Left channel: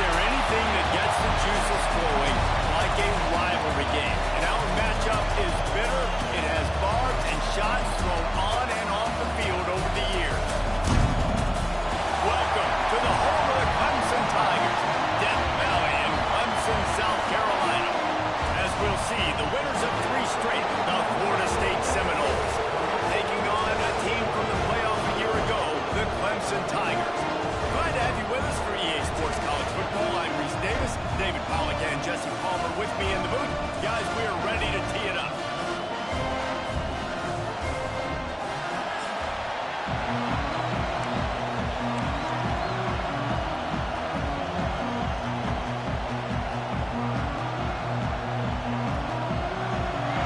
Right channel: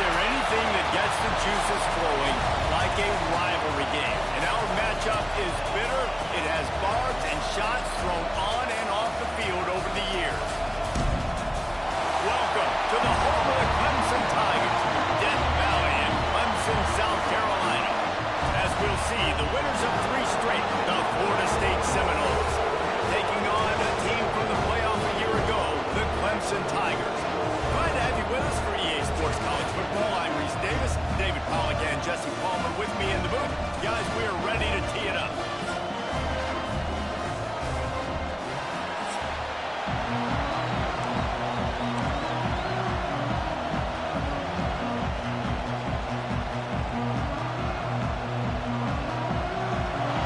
there anything that gets the juices flowing like a rivalry game? And our matchup is bitter. It has barbs and shots thrown on and off the field over the years. Welcome to the home of the Clemson Tigers, Death Valley in Clemson, South Carolina. As we'll see, the winners of 3 straight, the Florida State Seminoles, taking on a team from the playoff a year ago, the Clemson Tigers. Glad to have you with us for EA Sports College Football. I'm Reese Davis, David Pollack and Jesse Palmer with me in the booth. Guys, we are ready to tee it up.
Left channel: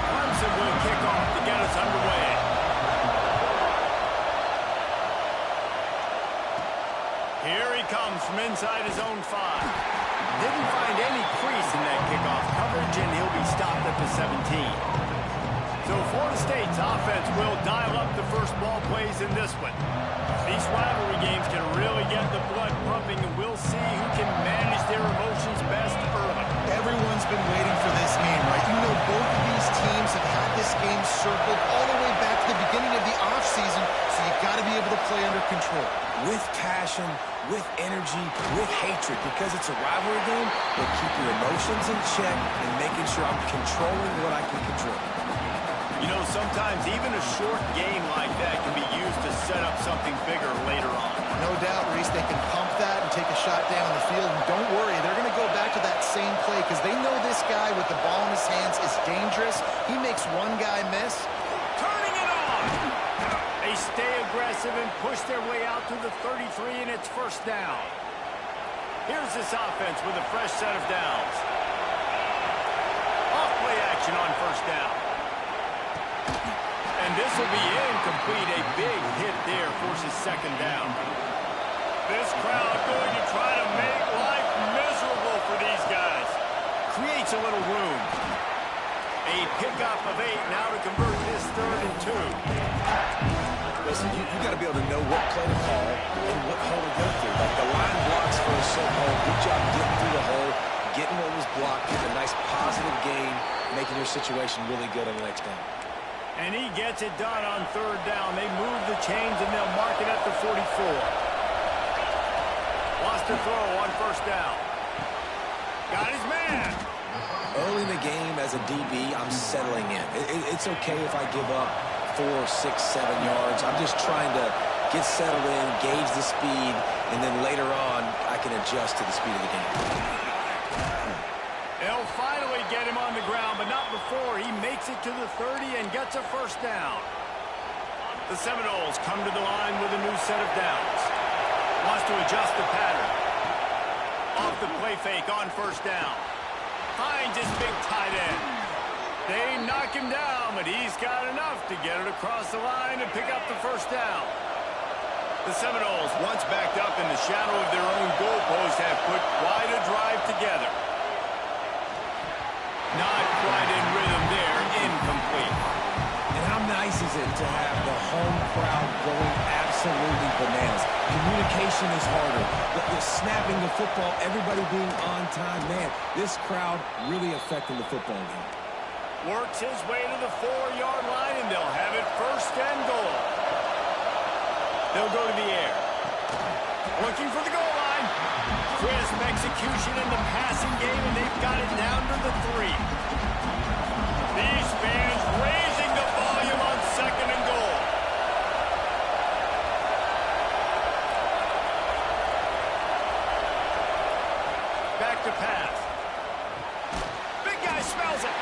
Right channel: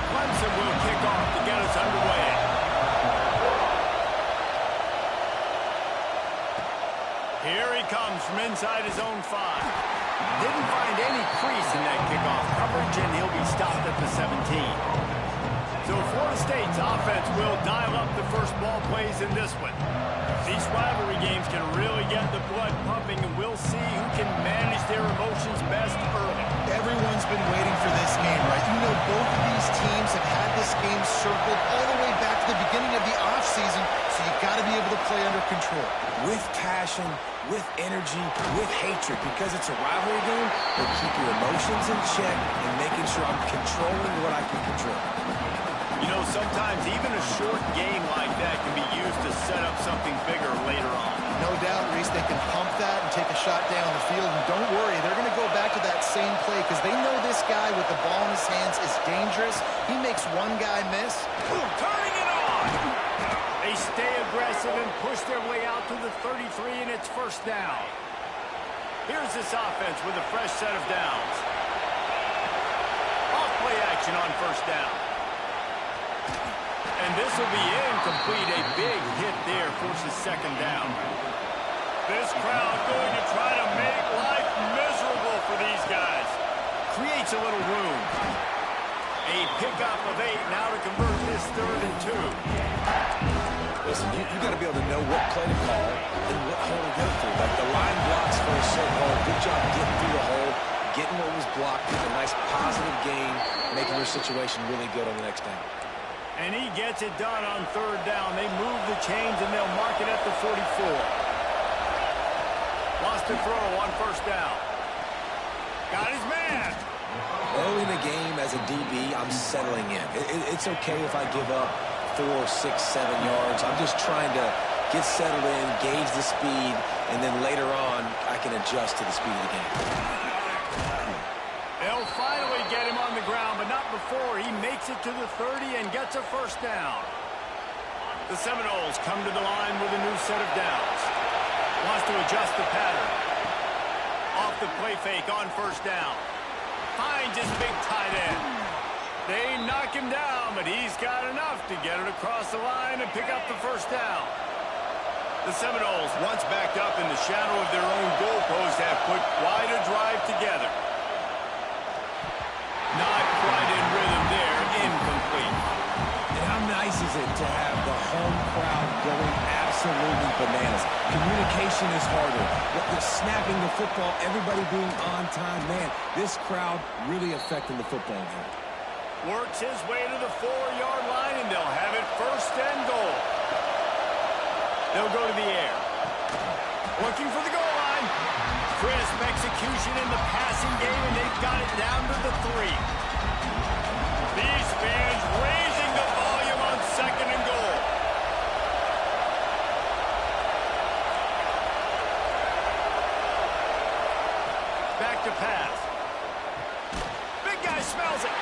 Clemson will kick off to get us underway. Here he comes from inside his own 5. Didn't find any crease in that kickoff coverage, and he'll be stopped at the 17. So Florida State's offense will dial up the first ball plays in this one. These rivalry games can really get the blood pumping, and we'll see who can manage their emotions best early. Everyone's been waiting for this game, right? You know, both of these teams have had this game circled all the way back to the beginning of the offseason, so you've got to be able to play under control. With passion, with energy, with hatred, because it's a rivalry game, but keep your emotions in check and making sure I'm controlling what I can control. You know, sometimes even a short game like that can be used to set up something bigger later on. No doubt, Reese, they can pump that and take a shot down the field. And don't worry, they're going to go back to that same play because they know this guy with the ball in his hands is dangerous. He makes one guy miss. Turning it on! They stay aggressive and push their way out to the 33, and it's first down. Here's this offense with a fresh set of downs. Off play action on first down. And this will be incomplete. A big hit there forces second down. This crowd going to try to make life miserable for these guys. Creates a little room. A pickup of 8 now to convert this 3rd and 2. Listen, you got to be able to know what play to call and what hole to go through. Like the line blocks for a certain hole. Good job getting through the hole, getting what was blocked, getting a nice positive gain, making your situation really good on the next down. And he gets it done on 3rd down. They move the chains, and they'll mark it at the 44. Lost to throw on first down. Got his man. Early in the game as a DB, I'm settling in. It's okay if I give up 4, 6, 7 yards. I'm just trying to get settled in, gauge the speed, and then later on, I can adjust to the speed of the game. They'll finally get him on the ground, but not before he makes it to the 30 and gets a first down. The Seminoles come to the line with a new set of downs. Wants to adjust the pattern. Off the play fake on first down. Finds his big tight end. They knock him down, but he's got enough to get it across the line and pick up the first down. The Seminoles, once backed up in the shadow of their own goalpost, have put quite a drive together. Not quite in rhythm there, incomplete. And how nice is it to have the home crowd going absolutely bananas? Communication is harder. The snapping the football, everybody being on time. Man, this crowd really affecting the football game. Works his way to the 4-yard line, and they'll have it first and goal. They'll go to the air. Looking for the goal line. Crisp execution in the passing game, and they've got it down to the 3. These fans raising the volume on 2nd and goal. Back to pass. Big guy smells it.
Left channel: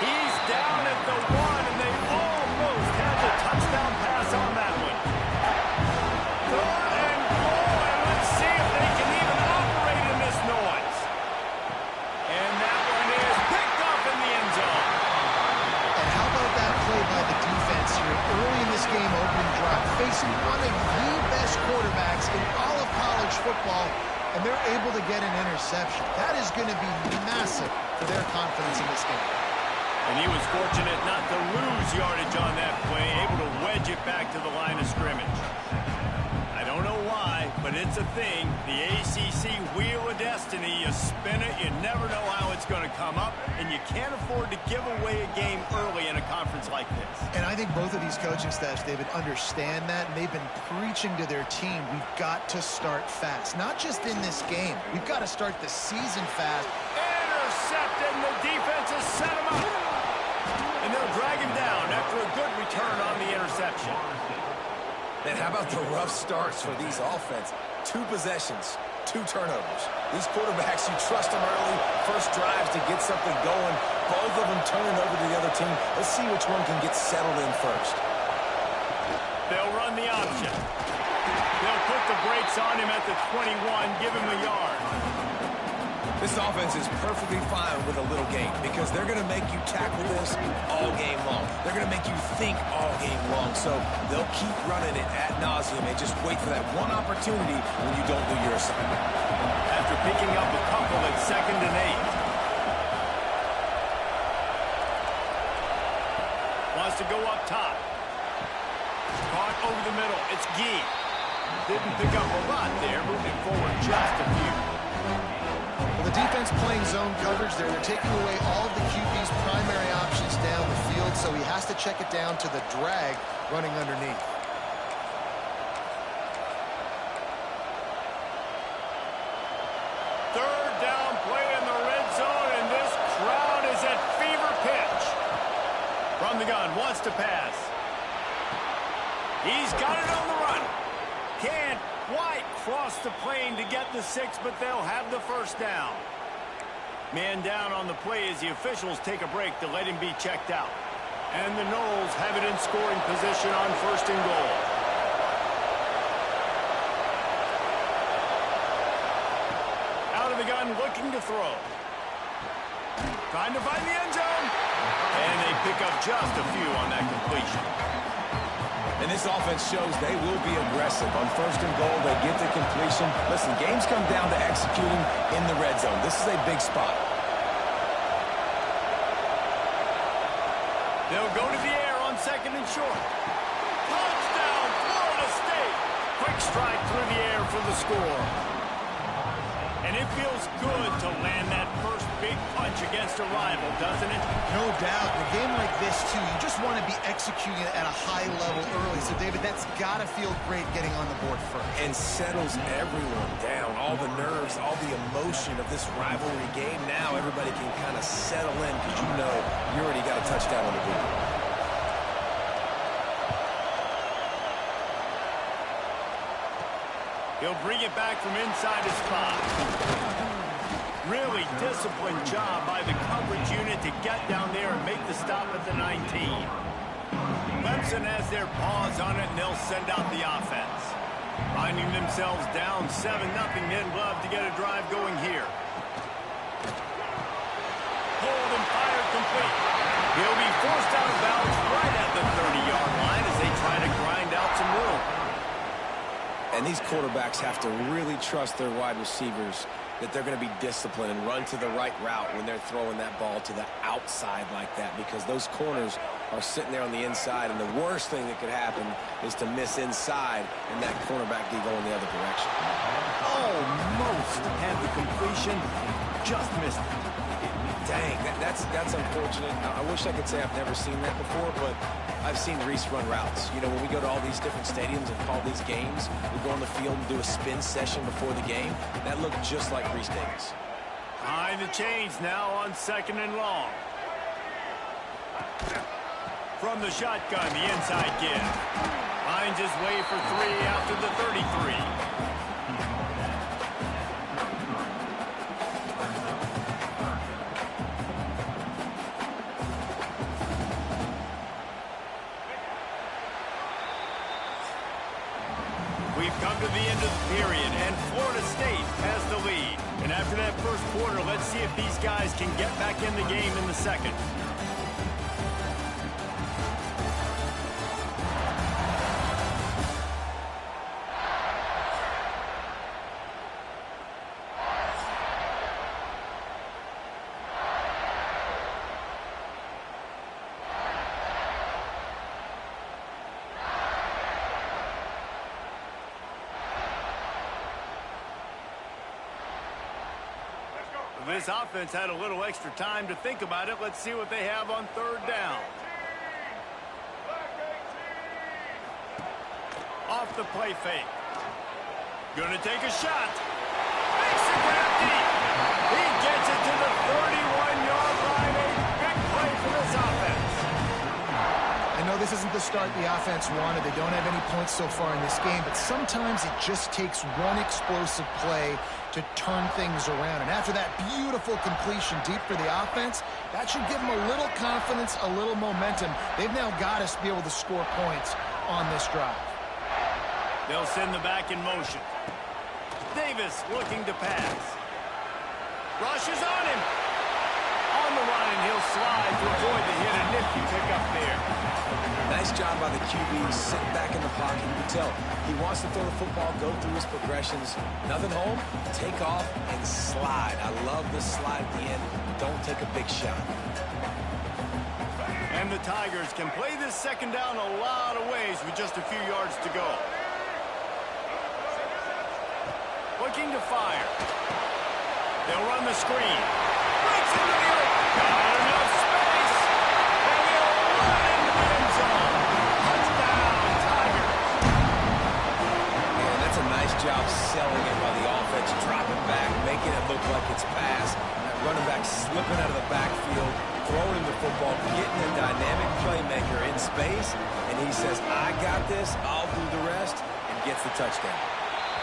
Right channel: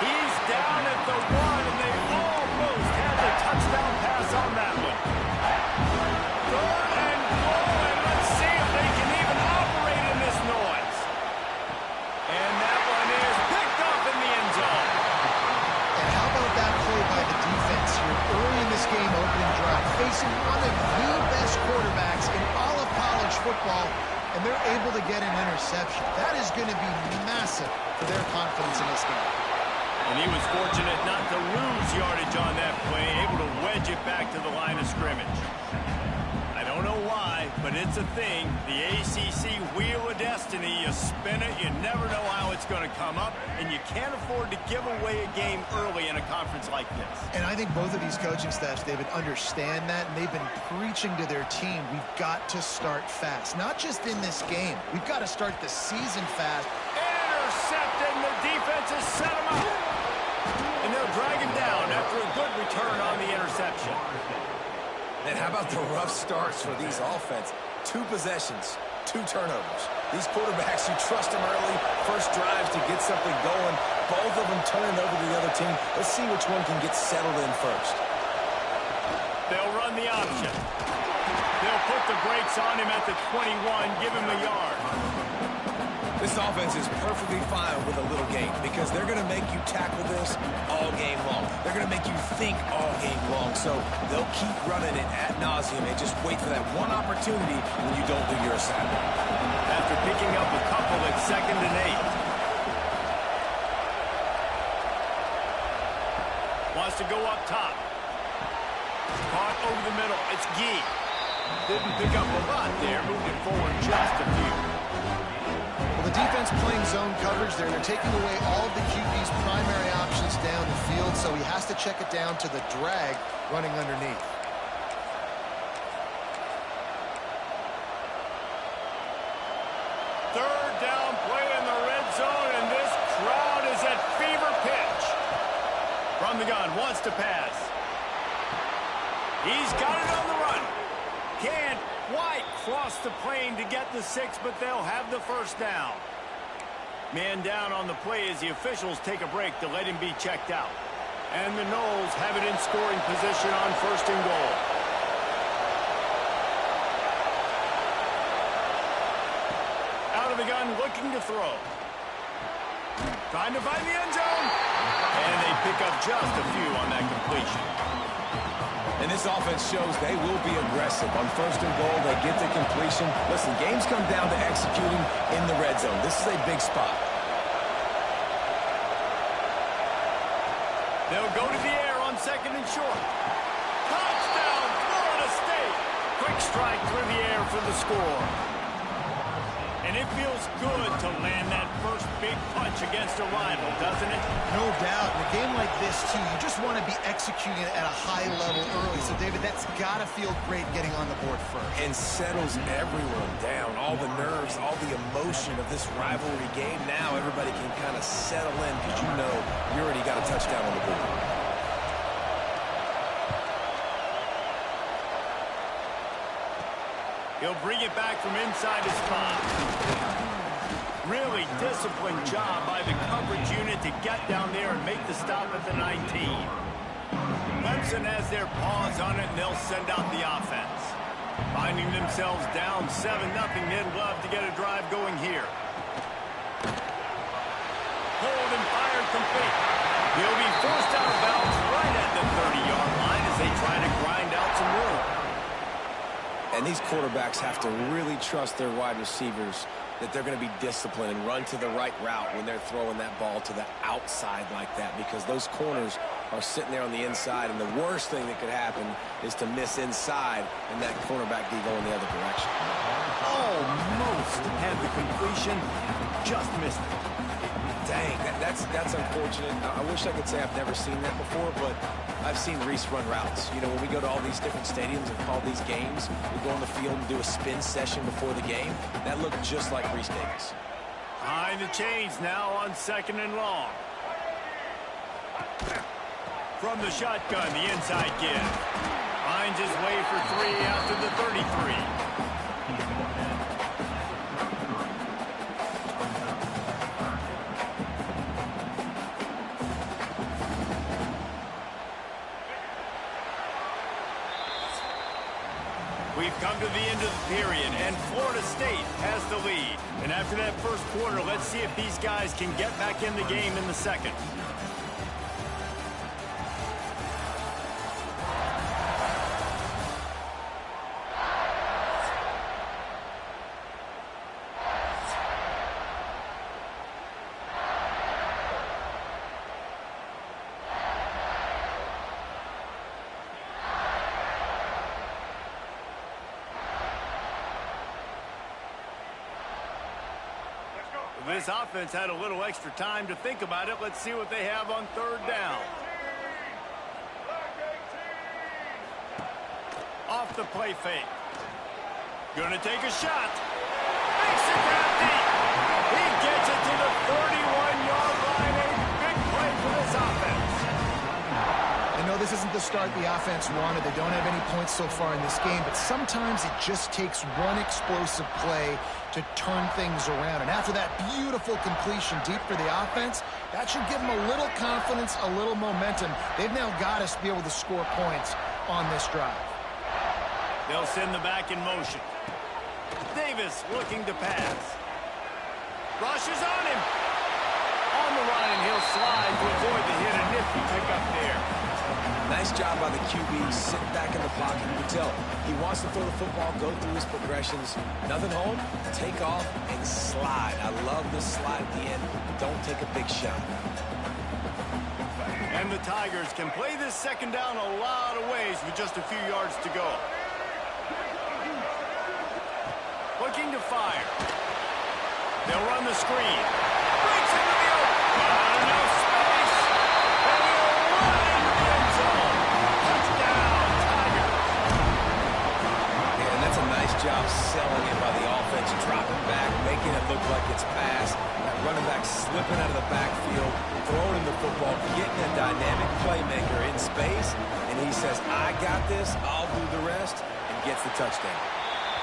He's down at the 1, and they almost had the touchdown pass on that one. 3rd and goal, and let's see if they can even operate in this noise. And that one is picked up in the end zone. And how about that play by the defense here early in this game opening drive, facing one of the best quarterbacks in all of college football, and they're able to get an interception. That is going to be massive for their confidence in this game. And he was fortunate not to lose yardage on that play, able to wedge it back to the line of scrimmage. I I don't know why, but it's a thing. The ACC Wheel of Destiny, you spin it, you never know how it's going to come up, and you can't afford to give away a game early in a conference like this. And I think both of these coaching staffs, David, understand that, and they've been preaching to their team, we've got to start fast. Not just in this game. We've got to start the season fast. Intercepted, and the defense has set him up. And they'll drag him down after a good return on the interception. And how about the rough starts for these offense? 2 possessions, 2 turnovers. These quarterbacks, you trust them early, first drives to get something going. Both of them turning over to the other team. Let's see which one can get settled in first. They'll run the option. They'll put the brakes on him at the 21, give him a yard. This offense is perfectly fine with a little game because they're going to make you tackle this all game long. They're going to make you think all game long. So they'll keep running it ad nauseum and just wait for that one opportunity when you don't do your assignment. After picking up a couple at 2nd and 8. Wants to go up top. Caught over the middle. It's Gee. Didn't pick up a lot there. Moved it forward just a few. Well, the defense playing zone coverage there. They're taking away all of the QB's primary options down the field, so he has to check it down to the drag running underneath. Third down play in the red zone, and this crowd is at fever pitch. From the gun, wants to pass. He's got it on the run. Can't quite cross the plane to get the 6, but they'll have the first down. Man down on the play as the officials take a break to let him be checked out. And the Noles have it in scoring position on 1st and goal. Out of the gun, looking to throw. Trying to find the end zone. And they pick up just a few on that completion. And this offense shows they will be aggressive. On 1st and goal, they get the completion. Listen, games come down to executing in the red zone. This is a big spot. They'll go to the air on 2nd and short. Touchdown, Florida State. Quick strike through the air for the score. And it feels good to land that first big punch against a rival, doesn't it? No doubt. In a game like this, too, you just want to be executing it at a high level early. So, David, that's got to feel great getting on the board first. And settles everyone down. All the nerves, all the emotion of this rivalry game. Now everybody can kind of settle in because you know you already got a touchdown on the board. He'll bring it back from inside his spot. Really disciplined job by the coverage unit to get down there and make the stop at the 19. Clemson has their paws on it, and they'll send out the offense. Finding themselves down 7-0, they'd love to get a drive going here. Pulled and fired complete. He'll be forced out of bounds right at the 30-yard line as they try to grind out some room. And these quarterbacks have to really trust their wide receivers that they're going to be disciplined and run to the right route when they're throwing that ball to the outside like that, because those corners are sitting there on the inside, and the worst thing that could happen is to miss inside and that cornerback be going the other direction. Almost had the completion, just missed it. Dang, that's unfortunate. I wish I could say I've never seen that before, but I've seen Reese run routes. You know, when we go to all these different stadiums and call these games, we go on the field and do a spin session before the game. That looked just like Reese Davis. Behind the chains now on 2nd and long. From the shotgun, the inside kid finds his way for 3 out to the 33. We've come to the end of the period, and Florida State has the lead. And after that first quarter, let's see if these guys can get back in the game in the second. This offense had a little extra time to think about it. Let's see what they have on third down. Off the play fake. Gonna take a shot. Makes the grab deep. He gets it to the 31-yard line. A big play for this offense. I know this isn't the start the offense wanted. They don't have any points so far in this game, but sometimes it just takes one explosive play to turn things around. And after that beautiful completion deep for the offense, that should give them a little confidence, a little momentum. They've now got us to be able to score points on this drive. They'll send the back in motion. Davis looking to pass. Rush is on him. On the run, and he'll slide to avoid the hit. A nifty pickup there. Nice job by the QB, sitting back in the pocket. You can tell he wants to throw the football, go through his progressions. Nothing home, take off, and slide. I love the slide at the end. Don't take a big shot. And the Tigers can play this second down a lot of ways with just a few yards to go. Looking to fire. They'll run the screen. Breaks into the open. Got enough space. And he'll run into the end zone. Touchdown, Tigers. Yeah, and that's a nice job selling it by the offense. Dropping back, making it look like it's pass. That running back slipping out of the backfield, throwing him the football, getting a dynamic playmaker in space. And he says, I got this, I'll do the rest, and gets the touchdown.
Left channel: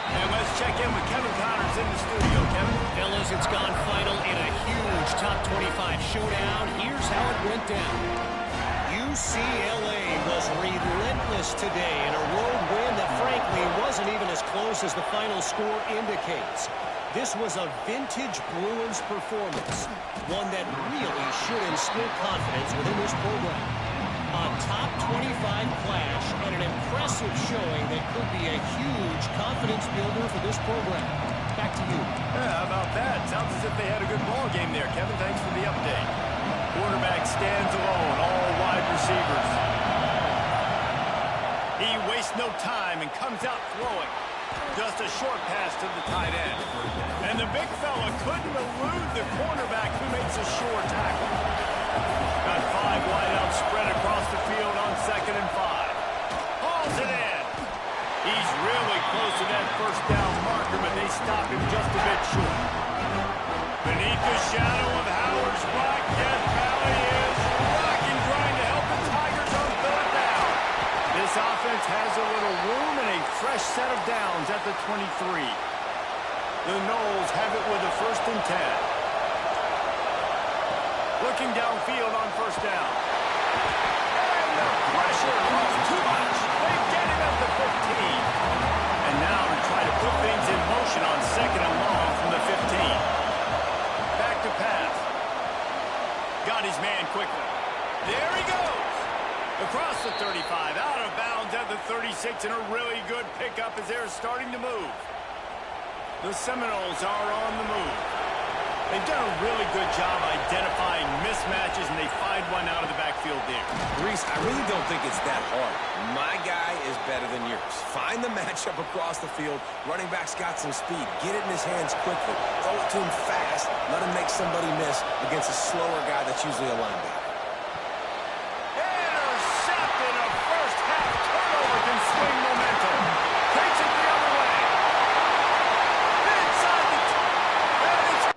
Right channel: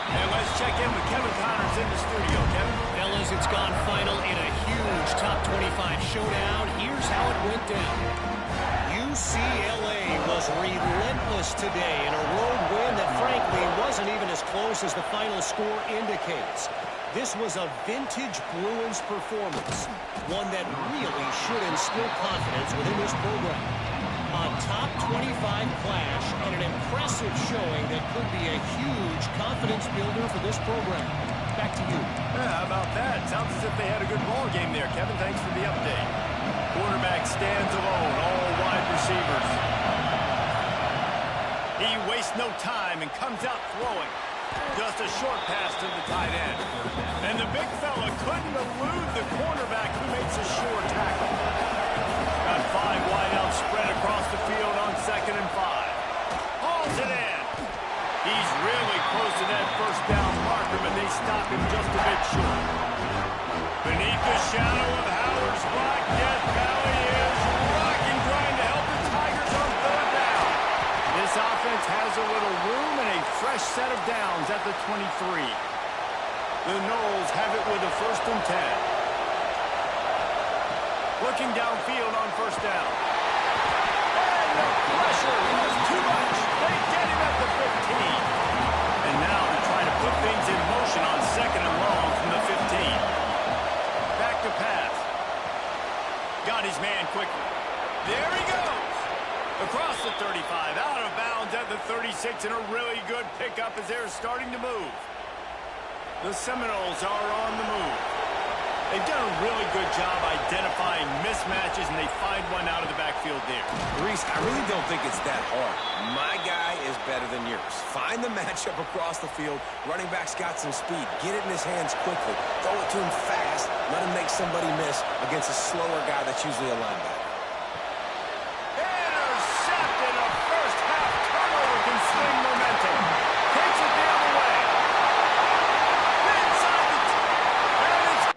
And let's check in with Kevin Connors in the studio. Kevin? Fellas, it's gone final in a huge top 25 showdown. Here's how it went down. UCLA was relentless today in a road win that frankly wasn't even as close as the final score indicates. This was a vintage Bruins performance, one that really should instill confidence within this program. A top 25 clash and an impressive showing that could be a huge confidence builder for this program. Back to you. Yeah, how about that? Sounds as if they had a good ball game there. Kevin, thanks for the update. Quarterback stands alone, all wide receivers. He wastes no time and comes out throwing. Just a short pass to the tight end. And the big fella couldn't elude the cornerback who makes a sure tackle. Got 5 wideouts spread across the field on 2nd and 5. Hauls it in. He's really close to that first down marker, but they stop him just a bit short. Beneath the shadow of Howard's block, Death Valley is rocking, trying to help the Tigers on 3rd down. This offense has a little room and a fresh set of downs at the 23. The Noles have it with a 1st and 10. Looking downfield on 1st down. And the pressure was too much. They get him at the 15. And now to try to put things in motion on 2nd and long from the 15. Back to pass. Got his man quickly. There he goes. Across the 35, out of bounds at the 36, and a really good pickup as they're starting to move. The Seminoles are on the move. They've done a really good job identifying mismatches, and they find one out of the backfield there. Reese, I really don't think it's that hard. My guy is better than yours. Find the matchup across the field. Running back's got some speed. Get it in his hands quickly. Throw it to him fast. Let him make somebody miss against a slower guy that's usually a linebacker. Intercepted. A first-half turnover can swing momentum. Takes it the other way. Inside the... And it's...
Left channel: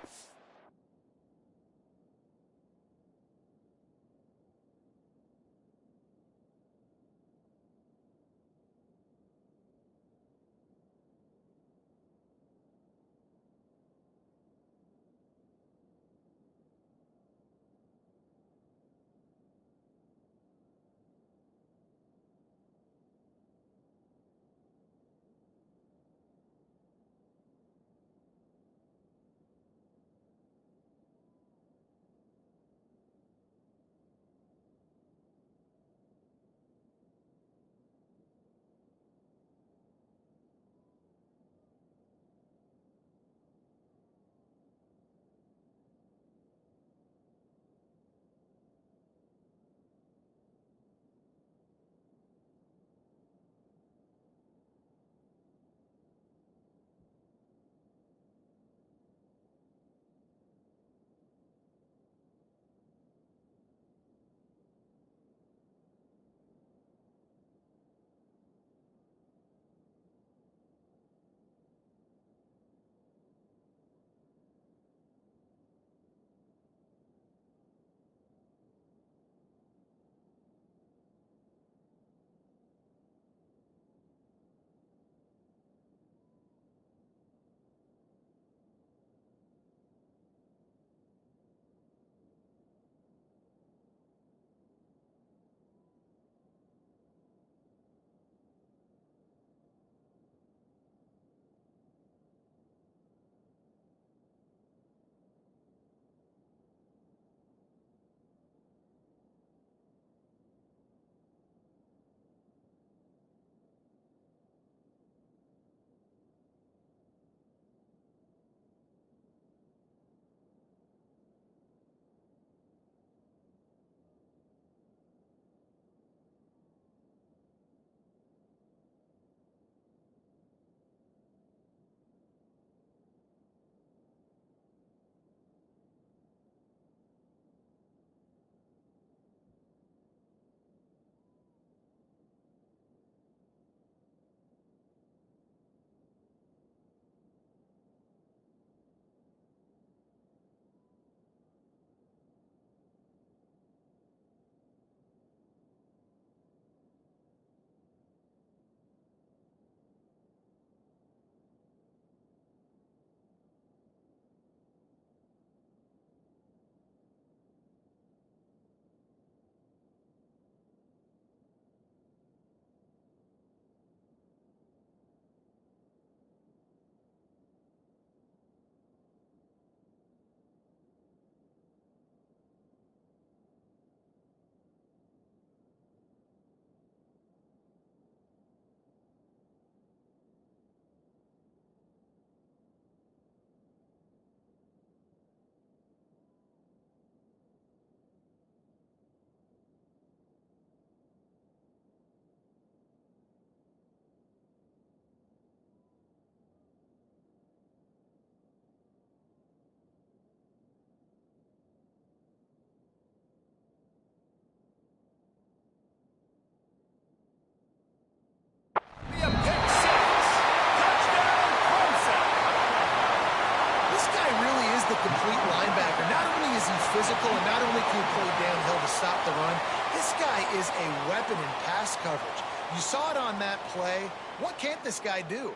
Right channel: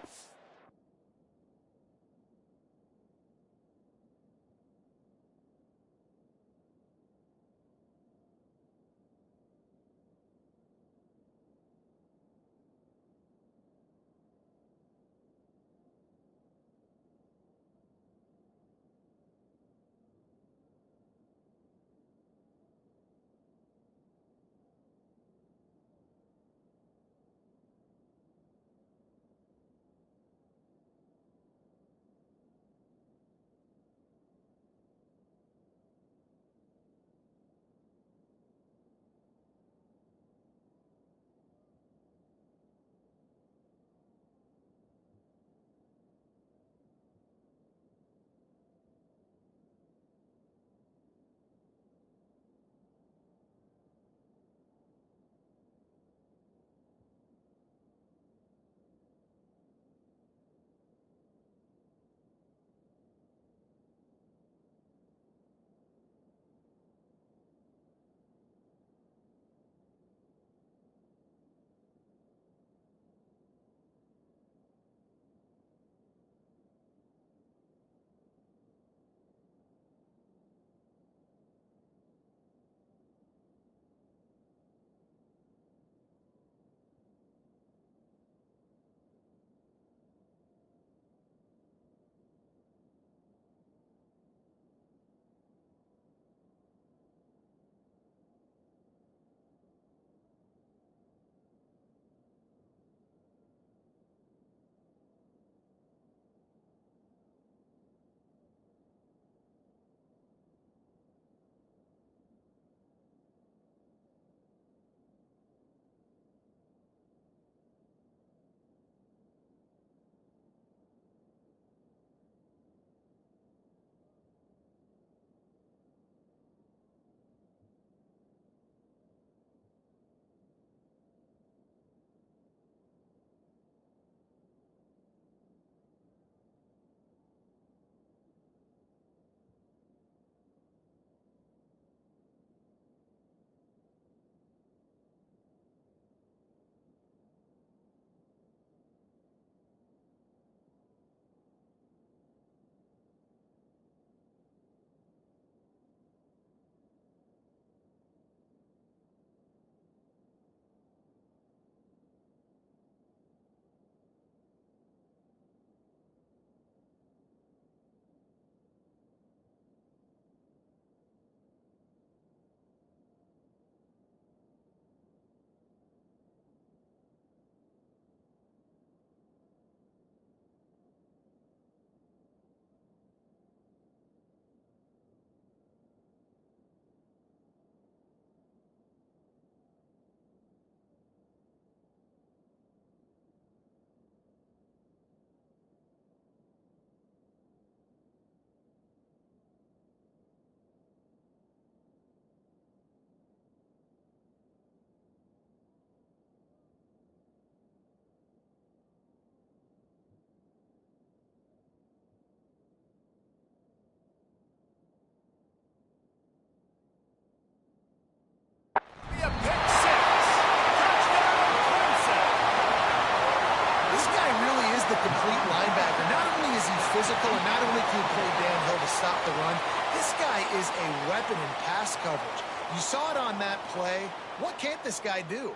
the complete linebacker. Not only is he physical and not only can he play downhill to stop the run, this guy is a weapon in pass coverage. You saw it on that play. What can't this guy do?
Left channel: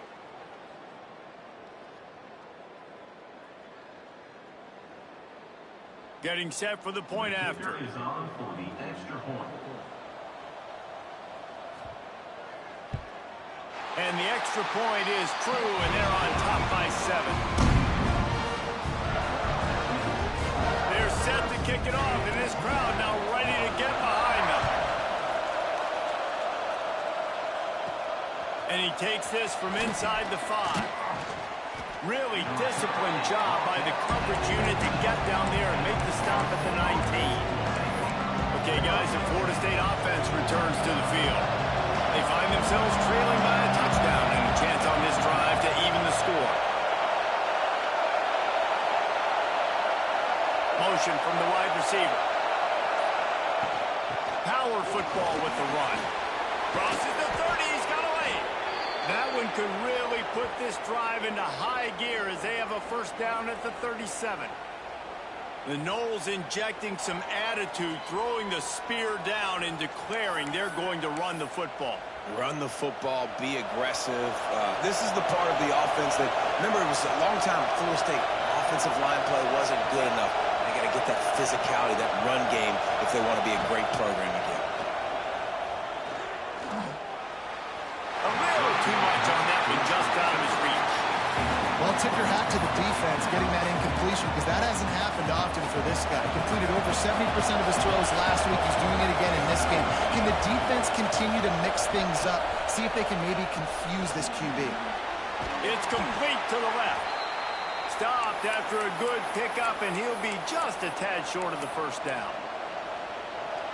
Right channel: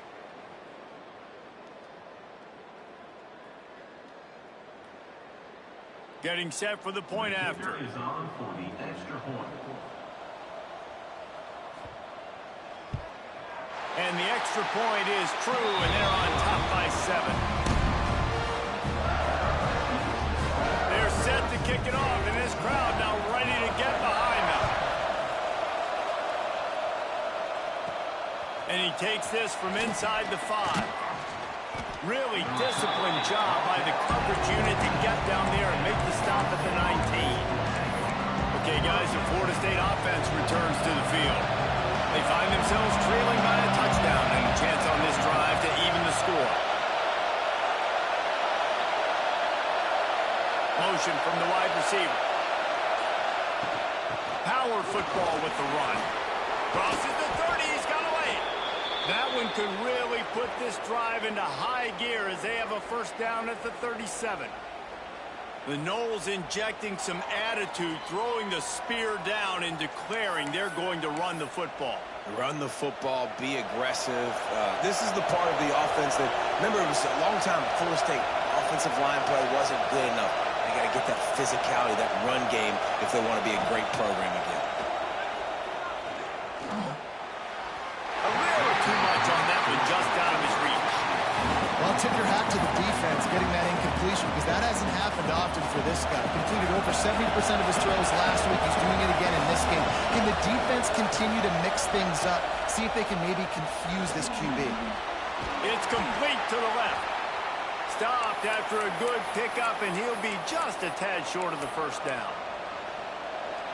Getting set for the point after. Is on for the extra point. And the extra point is true, and they're on top by 7. They're set to kick it off, and this crowd now ready to get behind them. And he takes this from inside the 5. Really disciplined job by the coverage unit to get down there and make the stop at the 19. Okay, guys, the Florida State offense returns to the field. They find themselves trailing by a touchdown and a chance on this drive to even the score. Motion from the wide receiver. Power football with the run. Crosses the 30, he's got away. That one could really put this drive into high gear as they have a first down at the 37. The Noles injecting some attitude, throwing the spear down and declaring they're going to run the football. Run the football, be aggressive. This is the part of the offense that, remember, it was a long time Florida State offensive line play wasn't good enough. They got to get that physicality, that run game, if they want to be a great program again. A little too much on that one, just out of his reach. Well, tip your hat to the defense getting that incompletion because that hasn't happened often for this guy. Completed over 70% of his throws last week. He's doing it again in this game. Can the defense continue to mix things up? See if they can maybe confuse this QB. It's complete to the left. Stopped after a good pickup, and he'll be just a tad short of the first down.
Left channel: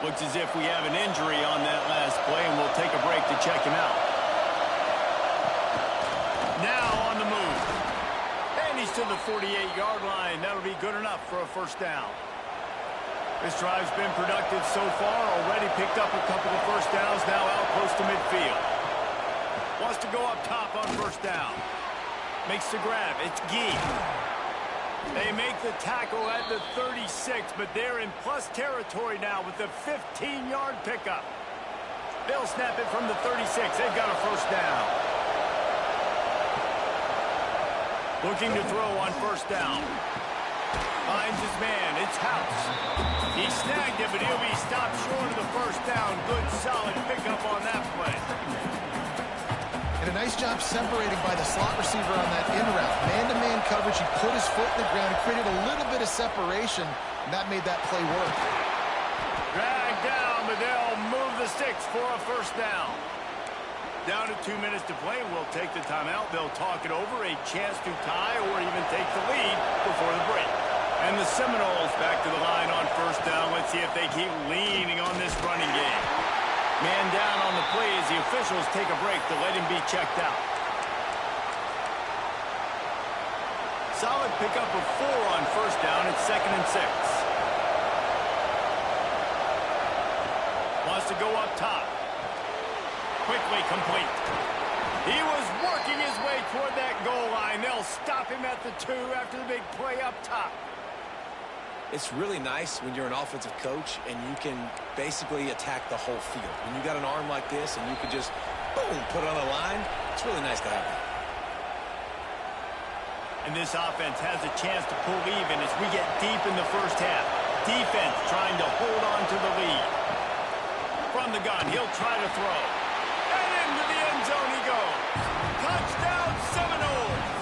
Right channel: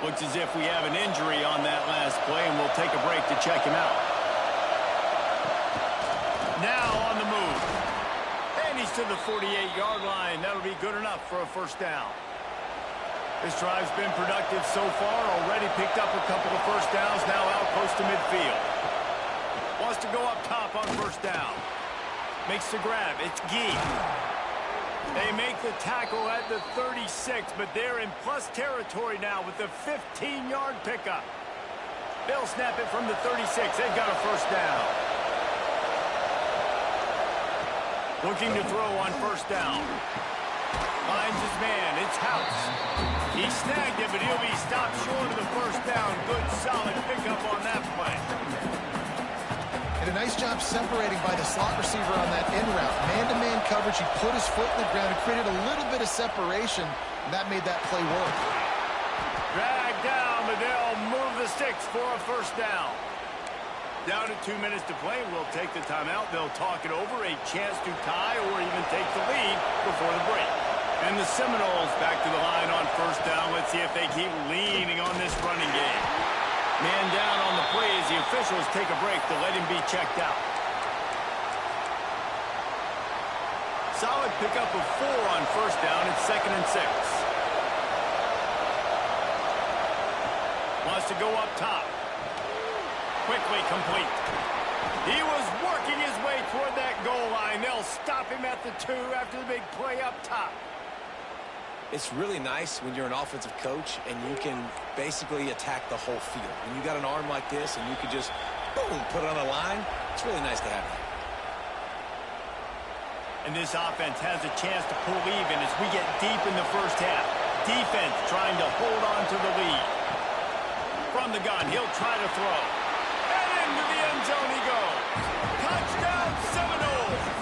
Looks as if we have an injury on that last play, and we'll take a break to check him out. Now on the move. And he's to the 48-yard line. That'll be good enough for a first down. This drive's been productive so far. Already picked up a couple of first downs. Now out close to midfield. Wants to go up top on first down. Makes the grab. It's Gee. They make the tackle at the 36, but they're in plus territory now with the 15-yard pickup. They'll snap it from the 36. They've got a first down. Looking to throw on first down. Finds his man. It's House. He snagged it, but he'll be stopped short of the first down. Good, solid pickup on that play. And a nice job separating by the slot receiver on that in route. Man-to-man coverage. He put his foot in the ground and created a little bit of separation, and that made that play work. Dragged down, but they'll move the sticks for a first down. Down to 2 minutes to play. We'll take the timeout. They'll talk it over. A chance to tie or even take the lead before the break. And the Seminoles back to the line on first down. Let's see if they keep leaning on this running game. Man down on the play as the officials take a break to let him be checked out. Solid pickup of 4 on first down. It's 2nd and 6. Wants to go up top. Quickly complete. He was working his way toward that goal line. They'll stop him at the 2 after the big play up top. It's really nice when you're an offensive coach and you can basically attack the whole field. When you got an arm like this and you can just, boom, put it on a line, it's really nice to have that. And this offense has a chance to pull even as we get deep in the first half. Defense trying to hold on to the lead. From the gun, he'll try to throw. And into the end zone he goes. Touchdown, Seminoles!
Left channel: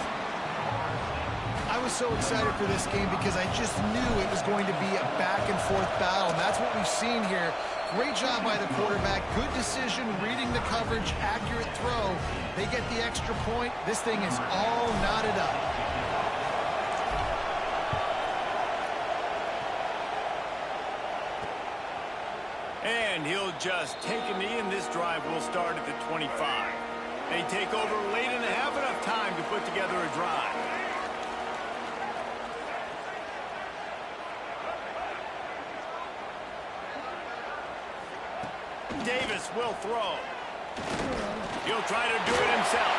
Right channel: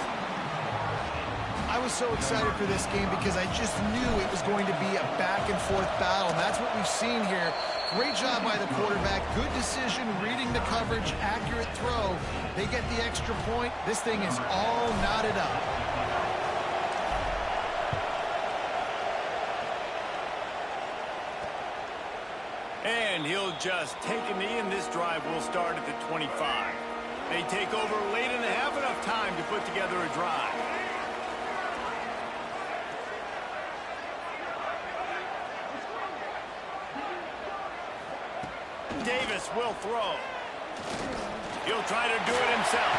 I was so excited for this game because I just knew it was going to be a back-and-forth battle, and that's what we've seen here. Great job by the quarterback. Good decision, reading the coverage, accurate throw. They get the extra point. This thing is all knotted up. And he'll just take a knee, and this drive will start at the 25. They take over late and have enough time to put together a drive. Davis will throw. He'll try to do it himself.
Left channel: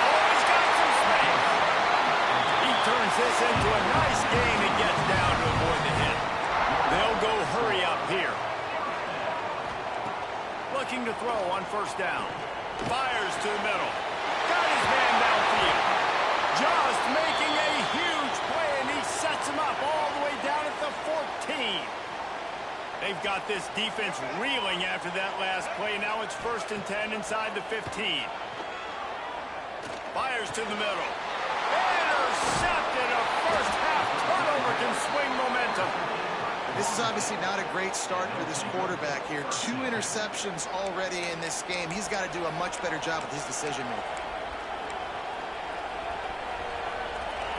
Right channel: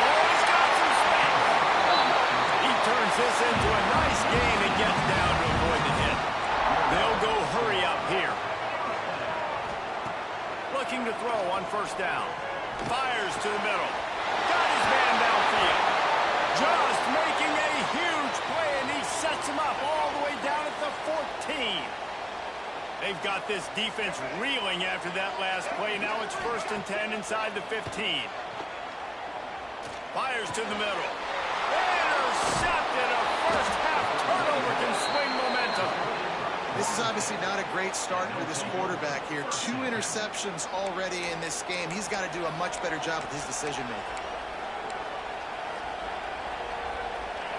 Oh, he's got some space. He turns this into a nice gain and gets down to avoid the hit. They'll go hurry up here. Looking to throw on first down. Fires to the middle. Got his man downfield. Just making a huge play, and he sets him up all the way down at the 14. They've got this defense reeling after that last play. Now it's 1st and 10 inside the 15. Fires to the middle. Intercepted. A first-half turnover can swing momentum. This is obviously not a great start for this quarterback here. 2 interceptions already in this game. He's got to do a much better job with his decision-making.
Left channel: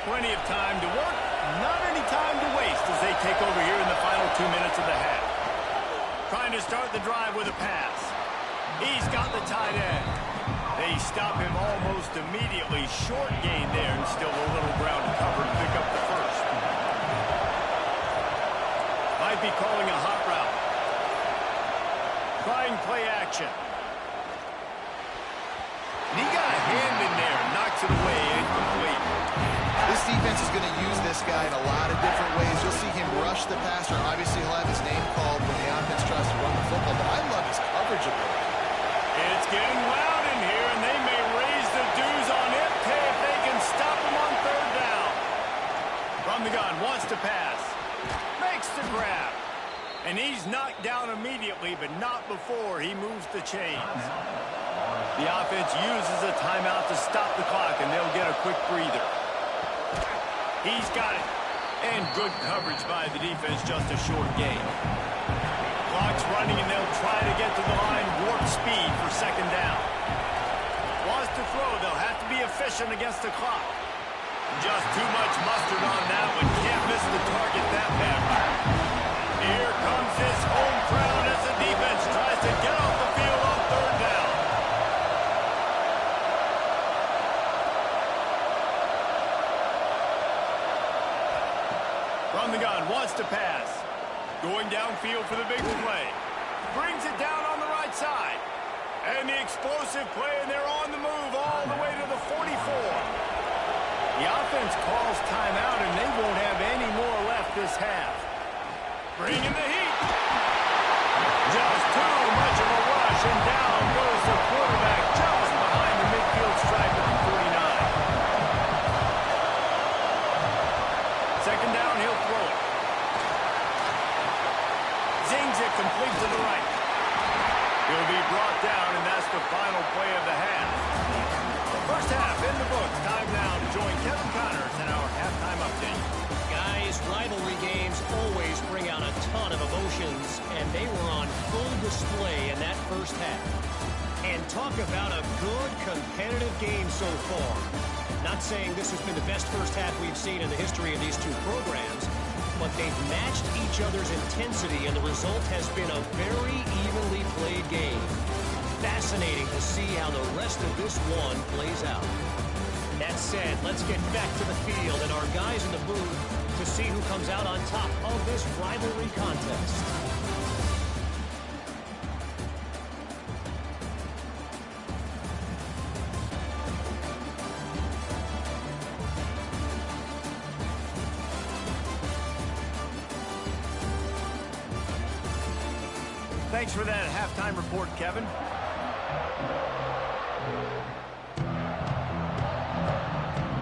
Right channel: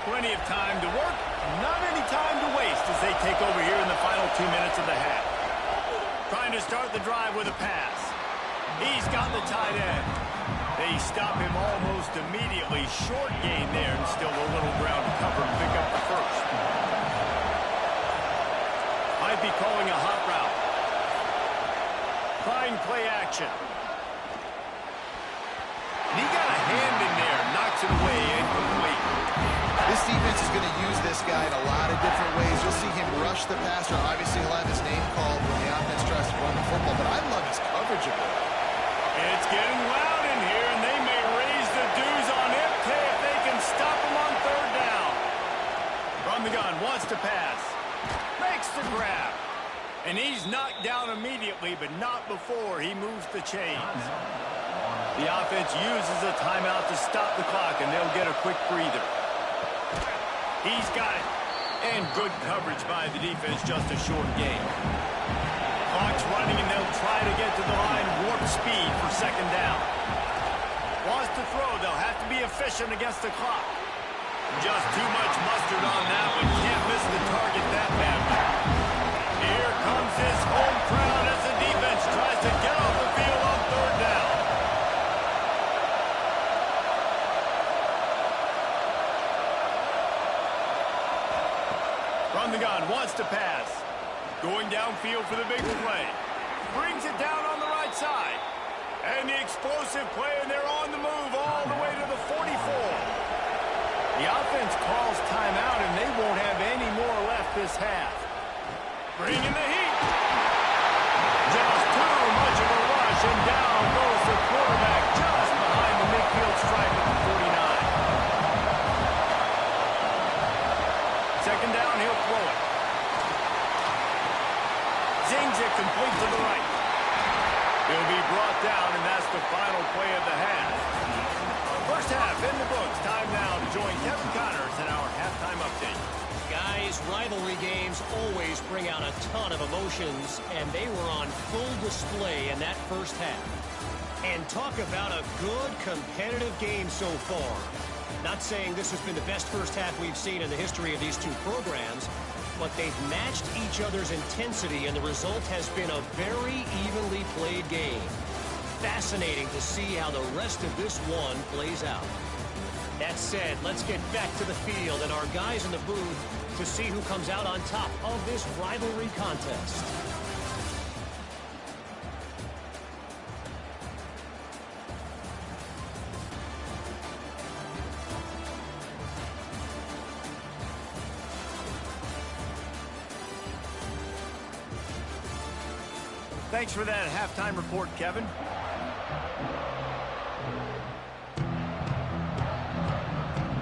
Plenty of time to work, not any time to waste as they take over here in the final 2 minutes of the half. Trying to start the drive with a pass. He's got the tight end. They stop him almost immediately. Short gain there and still a little ground to cover to pick up the first. Might be calling a hot route. Trying play action. And he got a hand in there, knocks it away, incomplete. This defense is going to use this guy in a lot of different ways. You'll see him rush the passer. Obviously, he'll have his name called when the offense tries to run the football, but I love his coverage ability. It's getting loud in here, and they may raise the dues on Ipke if they can stop him on 3rd down. From the gun, wants to pass. Makes the grab. And he's knocked down immediately, but not before he moves the chains. The offense uses a timeout to stop the clock, and they'll get a quick breather. He's got it. And good coverage by the defense, just a short gain. Clock's running, and they'll try to get to the line, warp speed for 2nd down. Wants to throw. They'll have to be efficient against the clock. Just too much mustard on that one. Can't miss the target that badly. Here comes his home crowd as the defense tries to get off the field on 3rd down. From the gun, wants to pass. Going downfield for the big play. Brings it down on the right side. And the explosive play, and they're on the move all the way to the 44. The offense calls timeout, and they won't have any more left this half. Bringing the heat. Just too much of a rush, and down goes the quarterback just behind the midfield stripe at the 49. 2nd down, he'll throw it. Zings it complete to the right. He'll be brought down, and that's the final play of the half. First half in the books. Time now to join Kevin Connors in our halftime update. Guys, rivalry games always bring out a ton of emotions, and they were on full display in that first half. And talk about a good competitive game so far. Not saying this has been the best first half we've seen in the history of these two programs, but they've matched each other's intensity, and the result has been a very evenly played game. Fascinating to see how the rest of this one plays out. That said, let's get back to the field and our guys in the booth to see who comes out on top of this rivalry contest. Thanks for that halftime report, Kevin.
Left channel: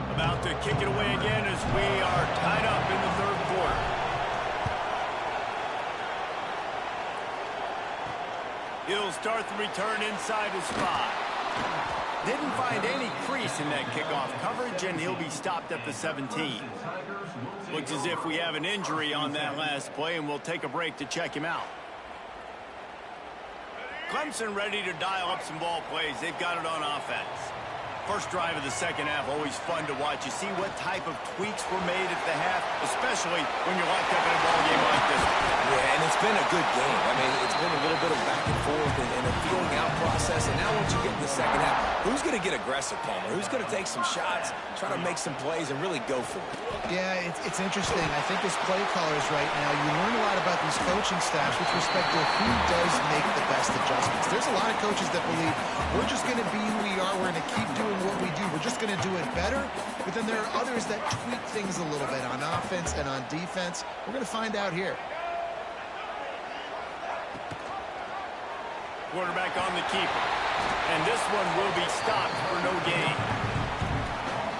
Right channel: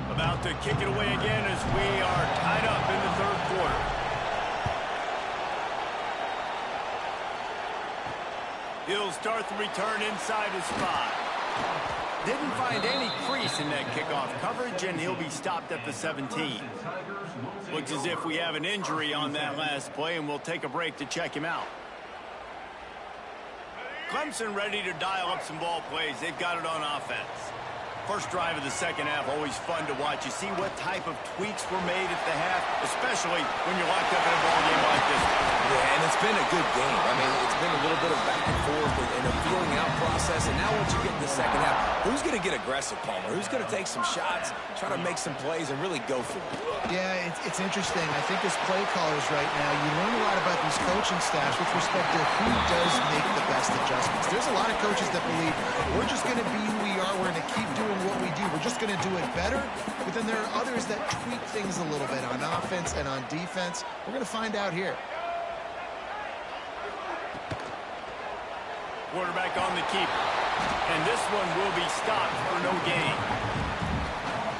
About to kick it away again as we are tied up in the 3rd quarter. He'll start the return inside his 5. Didn't find any crease in that kickoff coverage, and he'll be stopped at the 17. Looks as if we have an injury on that last play, and we'll take a break to check him out. Clemson ready to dial up some ball plays. They've got it on offense. First drive of the 2nd half, always fun to watch. You see what type of tweaks were made at the half, especially when you're locked up in a ball game like this one. Yeah, And it's been a good game. I mean, it's been a little bit of back and forth and a feeling out process. And now once you get in the second half, who's going to get aggressive, Palmer? Who's going to take some shots, try to make some plays, and really go for it? Yeah, it's interesting. I think as play callers right now, you learn a lot about these coaching staffs with respect to who does make the best adjustments. There's a lot of coaches that believe we're just going to be who we are. We're going to keep doing what we do. We're just going to do it better. But then there are others that tweak things a little bit on offense and on defense. We're going to find out here. Quarterback on the keeper. And this one will be stopped for no gain.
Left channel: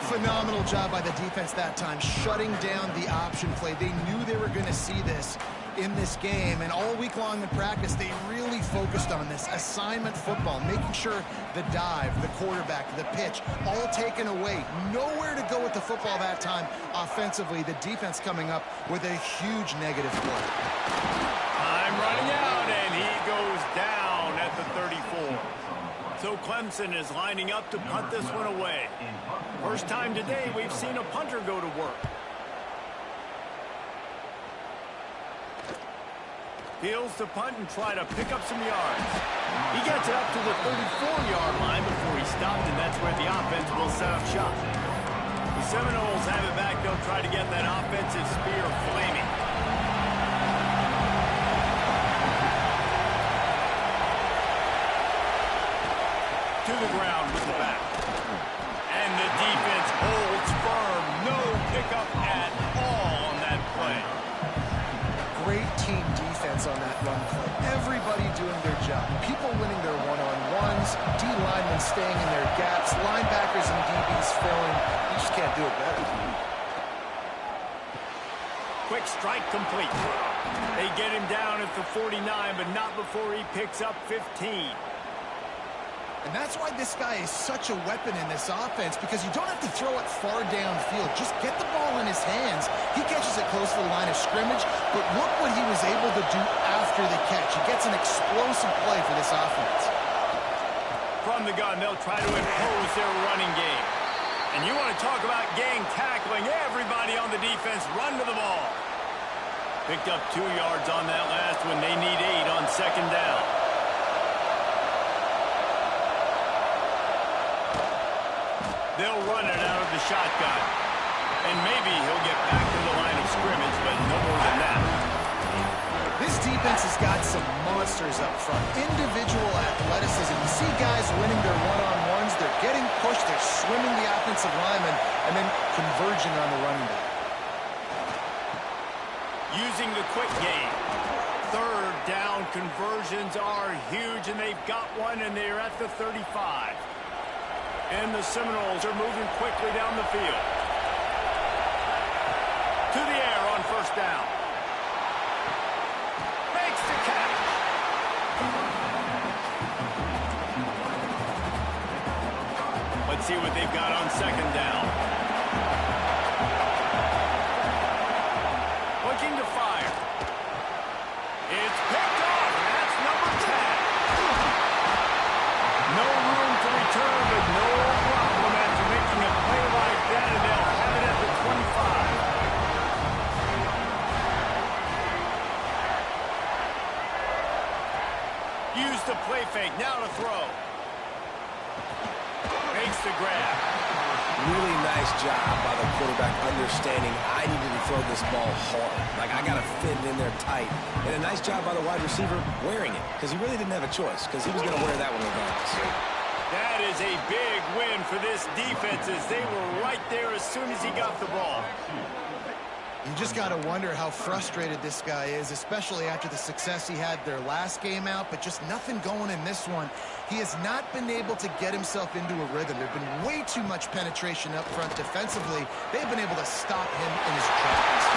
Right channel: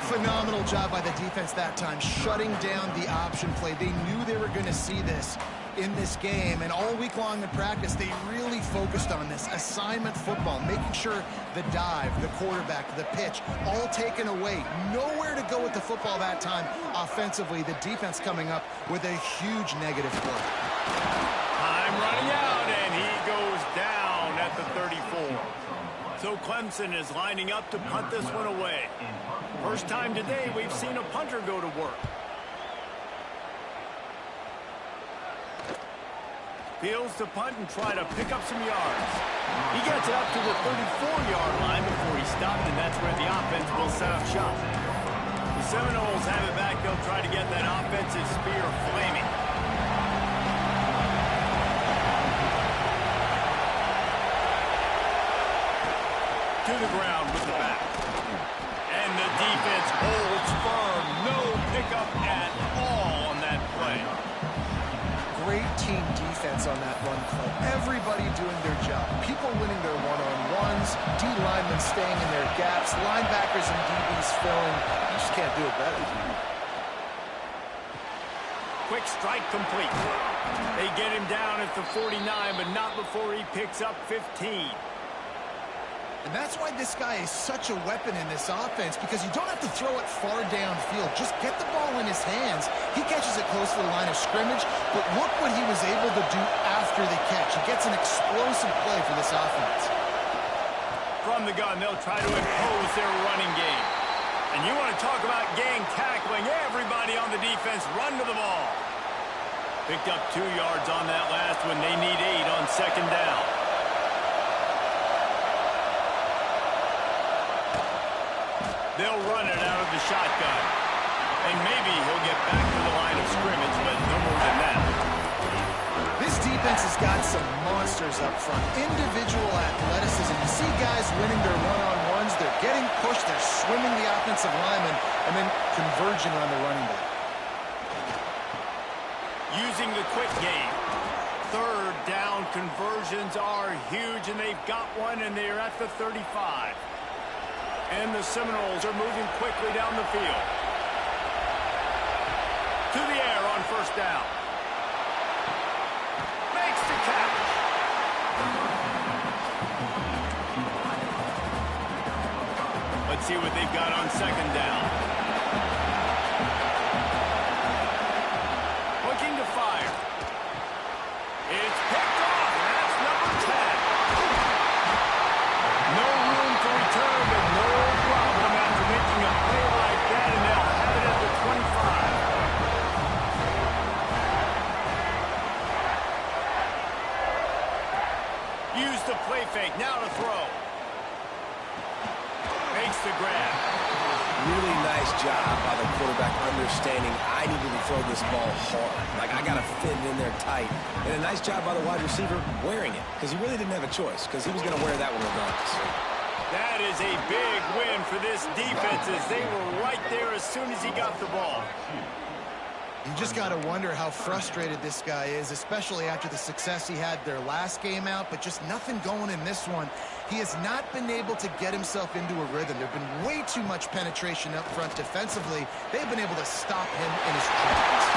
Phenomenal job by the defense that time, shutting down the option play. They knew they were going to see this in this game, and all week long in practice, they really focused on this assignment football, making sure the dive, the quarterback, the pitch, all taken away. Nowhere to go with the football that time offensively. The defense coming up with a huge negative play. Time running out, and he goes down at the 34. So Clemson is lining up to punt this one away. First time today we've seen a punter go to work. Fields to punt and try to pick up some yards. He gets it up to the 34-yard line before he stopped, and that's where the offense will set up shop. The Seminoles have it back. They'll try to get that offensive spear flaming. To the ground with the back. And the defense holds firm. No pickup at all on that play. Great team defense on that run play. Everybody doing their job. People winning their one-on-ones. D linemen staying in their gaps. Linebackers and DBs filling. You just can't do it better. Quick strike complete. They get him down at the 49, but not before he picks up 15. And that's why this guy is such a weapon in this offense, because you don't have to throw it far downfield. Just get the ball in his hands. He catches it close to the line of scrimmage, but look what he was able to do after the catch. He gets an explosive play for this offense. From the gun, they'll try to impose their running game. And you want to talk about gang tackling. Everybody on the defense run to the ball. Picked up 2 yards on that last one. They need 8 on second down. They'll run it out of the shotgun. And maybe he'll get back to the line of scrimmage, but no more than that. This defense has got some monsters up front. Individual athleticism. You see guys winning their one-on-ones. They're getting pushed. They're swimming the offensive lineman and then converging on the running back. Using the quick game. Third down conversions are huge, and they've got one, and they're at the 35. And the Seminoles are moving quickly down the field. To the air on first down. Makes the catch. Let's see what they've got on second down. Looking to fire. It's picked off, and that's number 10. No room to return, but no problem after making a play like that, and they'll have it at the 25. Use the play fake, now to throw. Makes the grab. Really nice job by the quarterback understanding I needed to throw this ball hard. Like, I got to fit it in there tight. And a nice job by the wide receiver wearing it, because he really didn't have a choice, because he was going to wear that one regardless. That is a big win for this defense, as they were right there as soon as he got the ball. You just got to wonder how frustrated this guy is, especially after the success he had their last game out, but just nothing going in this one. He has not been able to get himself into a rhythm. There's been way too much penetration up front defensively. They've been able to stop him in his tracks.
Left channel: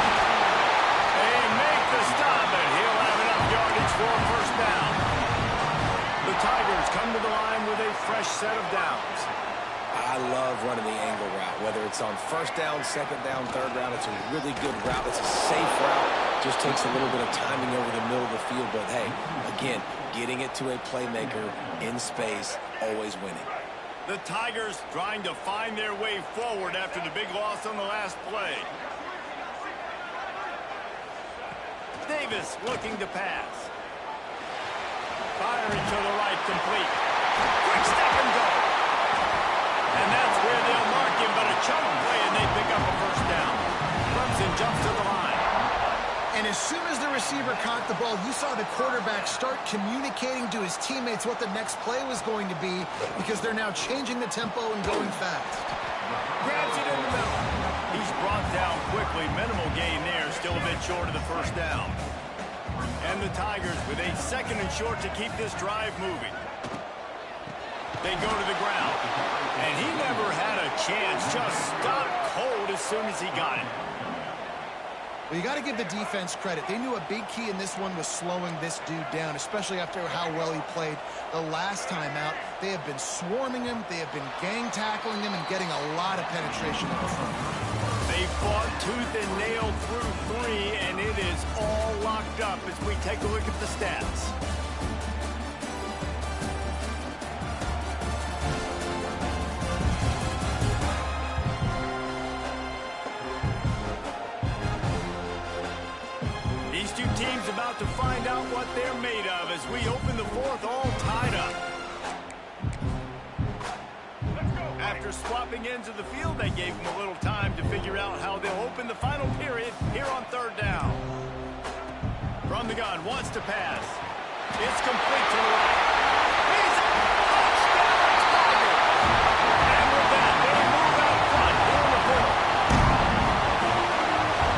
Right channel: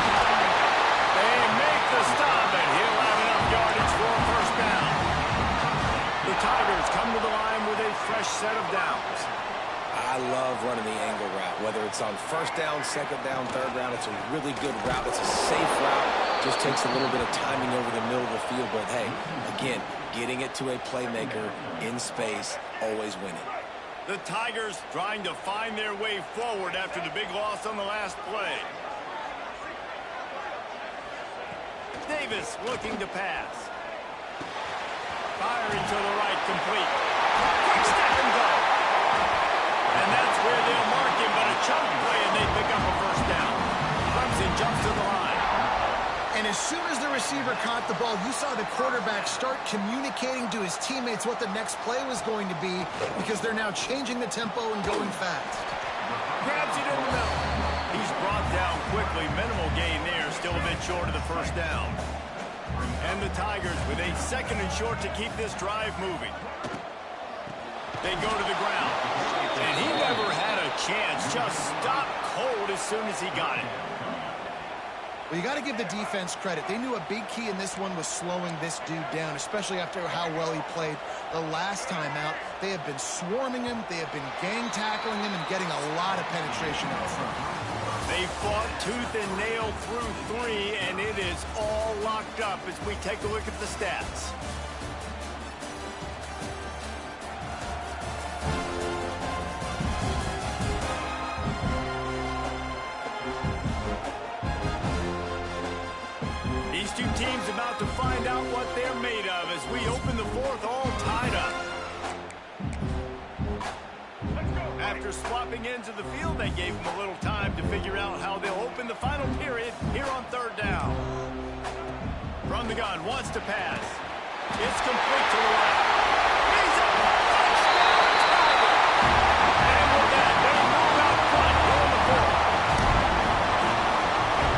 They make the stop, and he'll have enough yardage for a first down. The Tigers come to the line with a fresh set of downs. I love running the angle route, whether it's on first down, second down, third round. It's a really good route. It's a safe route. Just takes a little bit of timing over the middle of the field. But, hey, again, getting it to a playmaker in space, always winning. The Tigers trying to find their way forward after the big loss on the last play. Davis looking to pass. Firing to the right, complete. Quick step and go. And that's where they'll mark him, but a chunk play, and they pick up a first down. Clemson jumps to the line. And as soon as the receiver caught the ball, you saw the quarterback start communicating to his teammates what the next play was going to be, because they're now changing the tempo and going fast. Grabs it in the middle. He's brought down quickly. Minimal gain there, still a bit short of the first down. And the Tigers with a 2nd and short to keep this drive moving. They go to the ground. And he never had a chance. Just stopped cold as soon as he got it. Well, you got to give the defense credit. They knew a big key in this one was slowing this dude down, especially after how well he played the last time out. They have been swarming him. They have been gang tackling him and getting a lot of penetration up front. They fought tooth and nail through 3, and it is all locked up as we take a look at the stats. These two teams about to find out what they're made of as we open the 4th all tied up. After swapping ends of the field, they gave them a little time to figure out how they'll open the final period here on 3rd down. From the gun, wants to pass. It's complete to the right. He's a touchdown, Tigers! And with that, they move out front here on the 4th.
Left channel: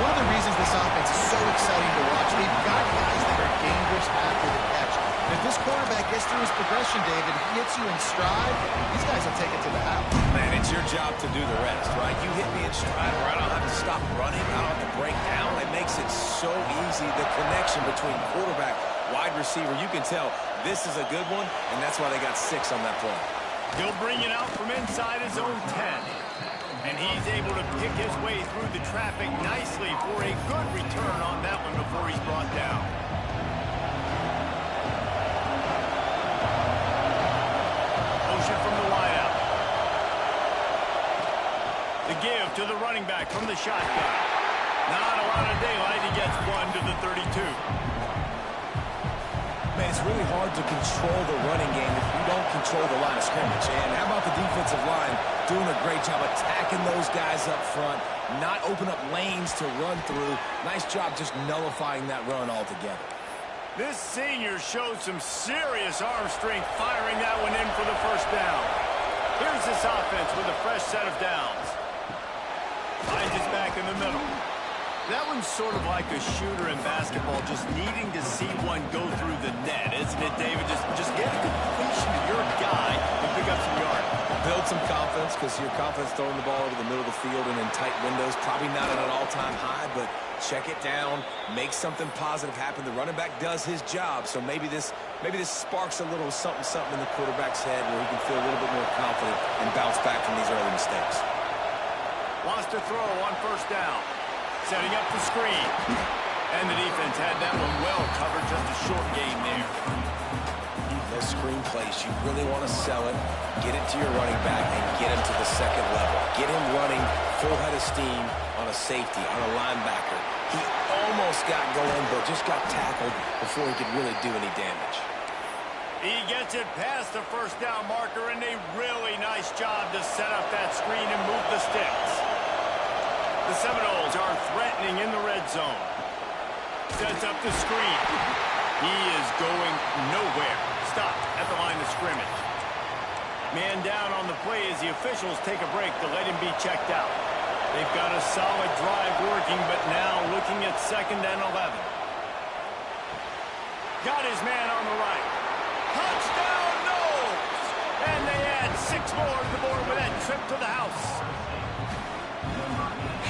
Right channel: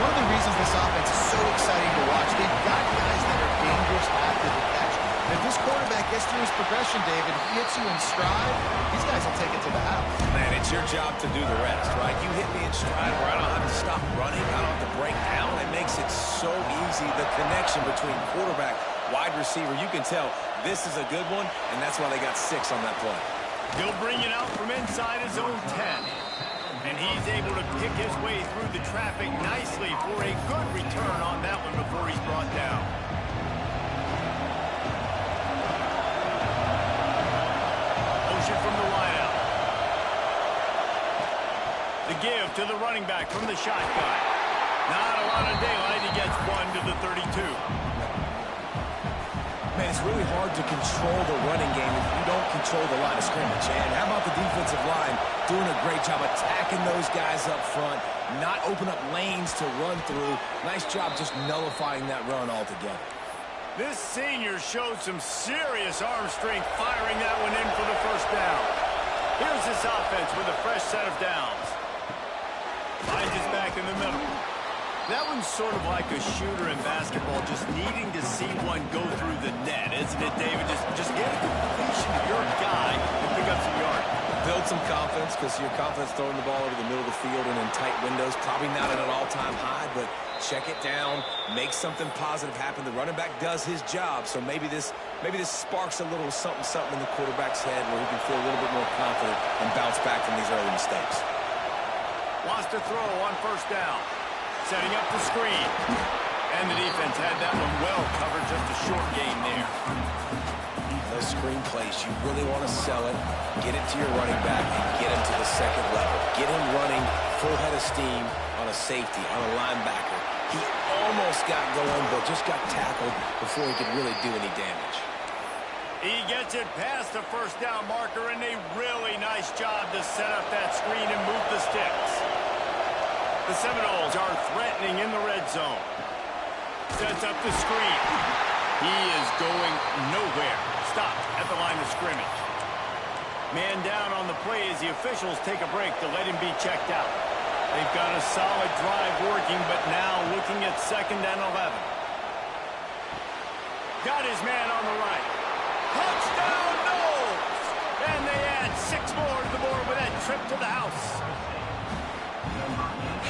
One of the reasons this offense is so exciting to watch, they've got guys that are dangerous after the catch. And if this quarterback gets through his progression, David, he hits you in stride, these guys will take it to the house. Man, it's your job to do the rest, right? You hit me in stride where I don't have to stop running, I don't have to break down. It makes it so easy, the connection between quarterback, wide receiver. You can tell this is a good one, and that's why they got 6 on that play. He'll bring it out from inside his own 10. And he's able to pick his way through the traffic nicely for a good return on that one before he's brought down. Motion from the wideout. The give to the running back from the shotgun. Not a lot of daylight. He gets 1 to the 32. Man, it's really hard to control the running game if you don't control the line of scrimmage. And how about the defensive line doing a great job attacking those guys up front, not open up lanes to run through. Nice job just nullifying that run altogether. This senior showed some serious arm strength firing that one in for the first down. Here's this offense with a fresh set of downs. Finds his back in the middle. That one's sort of like a shooter in basketball, just needing to see one go through the net, isn't it, David? Just get a completion to your guy and pick up some yardage. Build some confidence, because your confidence throwing the ball over the middle of the field and in tight windows, probably not at an all-time high, but check it down, make something positive happen. The running back does his job, so maybe this sparks a little something in the quarterback's head where he can feel a little bit more confident and bounce back from these early mistakes. Wants to throw on first down. Setting up the screen. And the defense had that one well covered, just a short gain there. Those screen plays, you really want to sell it, get it to your running back, and get him to the 2nd level. Get him running full head of steam on a safety, on a linebacker. He almost got going, but just got tackled before he could really do any damage. He gets it past the first down marker, and a really nice job to set up that screen and move the sticks. The Seminoles are threatening in the red zone. Sets up the screen. He is going nowhere. Stopped at the line of scrimmage. Man down on the play as the officials take a break to let him be checked out. They've got a solid drive working, but now looking at 2nd and 11. Got his man on the right. Touchdown, Noles! And they add 6 more to the board with that trip to the house.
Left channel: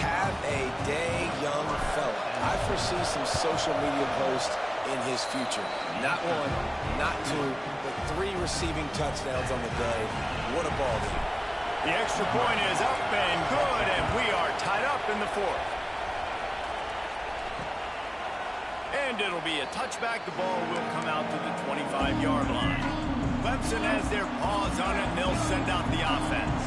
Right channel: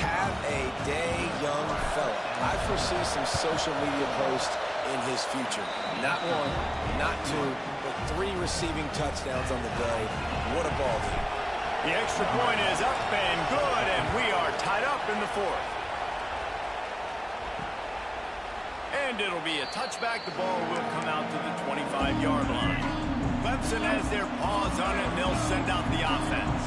Have a day, young fella. I foresee some social media posts in his future. Not 1, not 2, but 3 receiving touchdowns on the day. What a ball game. The extra point is up and good, and we are tied up in the 4th. And it'll be a touchback. The ball will come out to the 25-yard line. Clemson has their paws on it, and they'll send out the offense.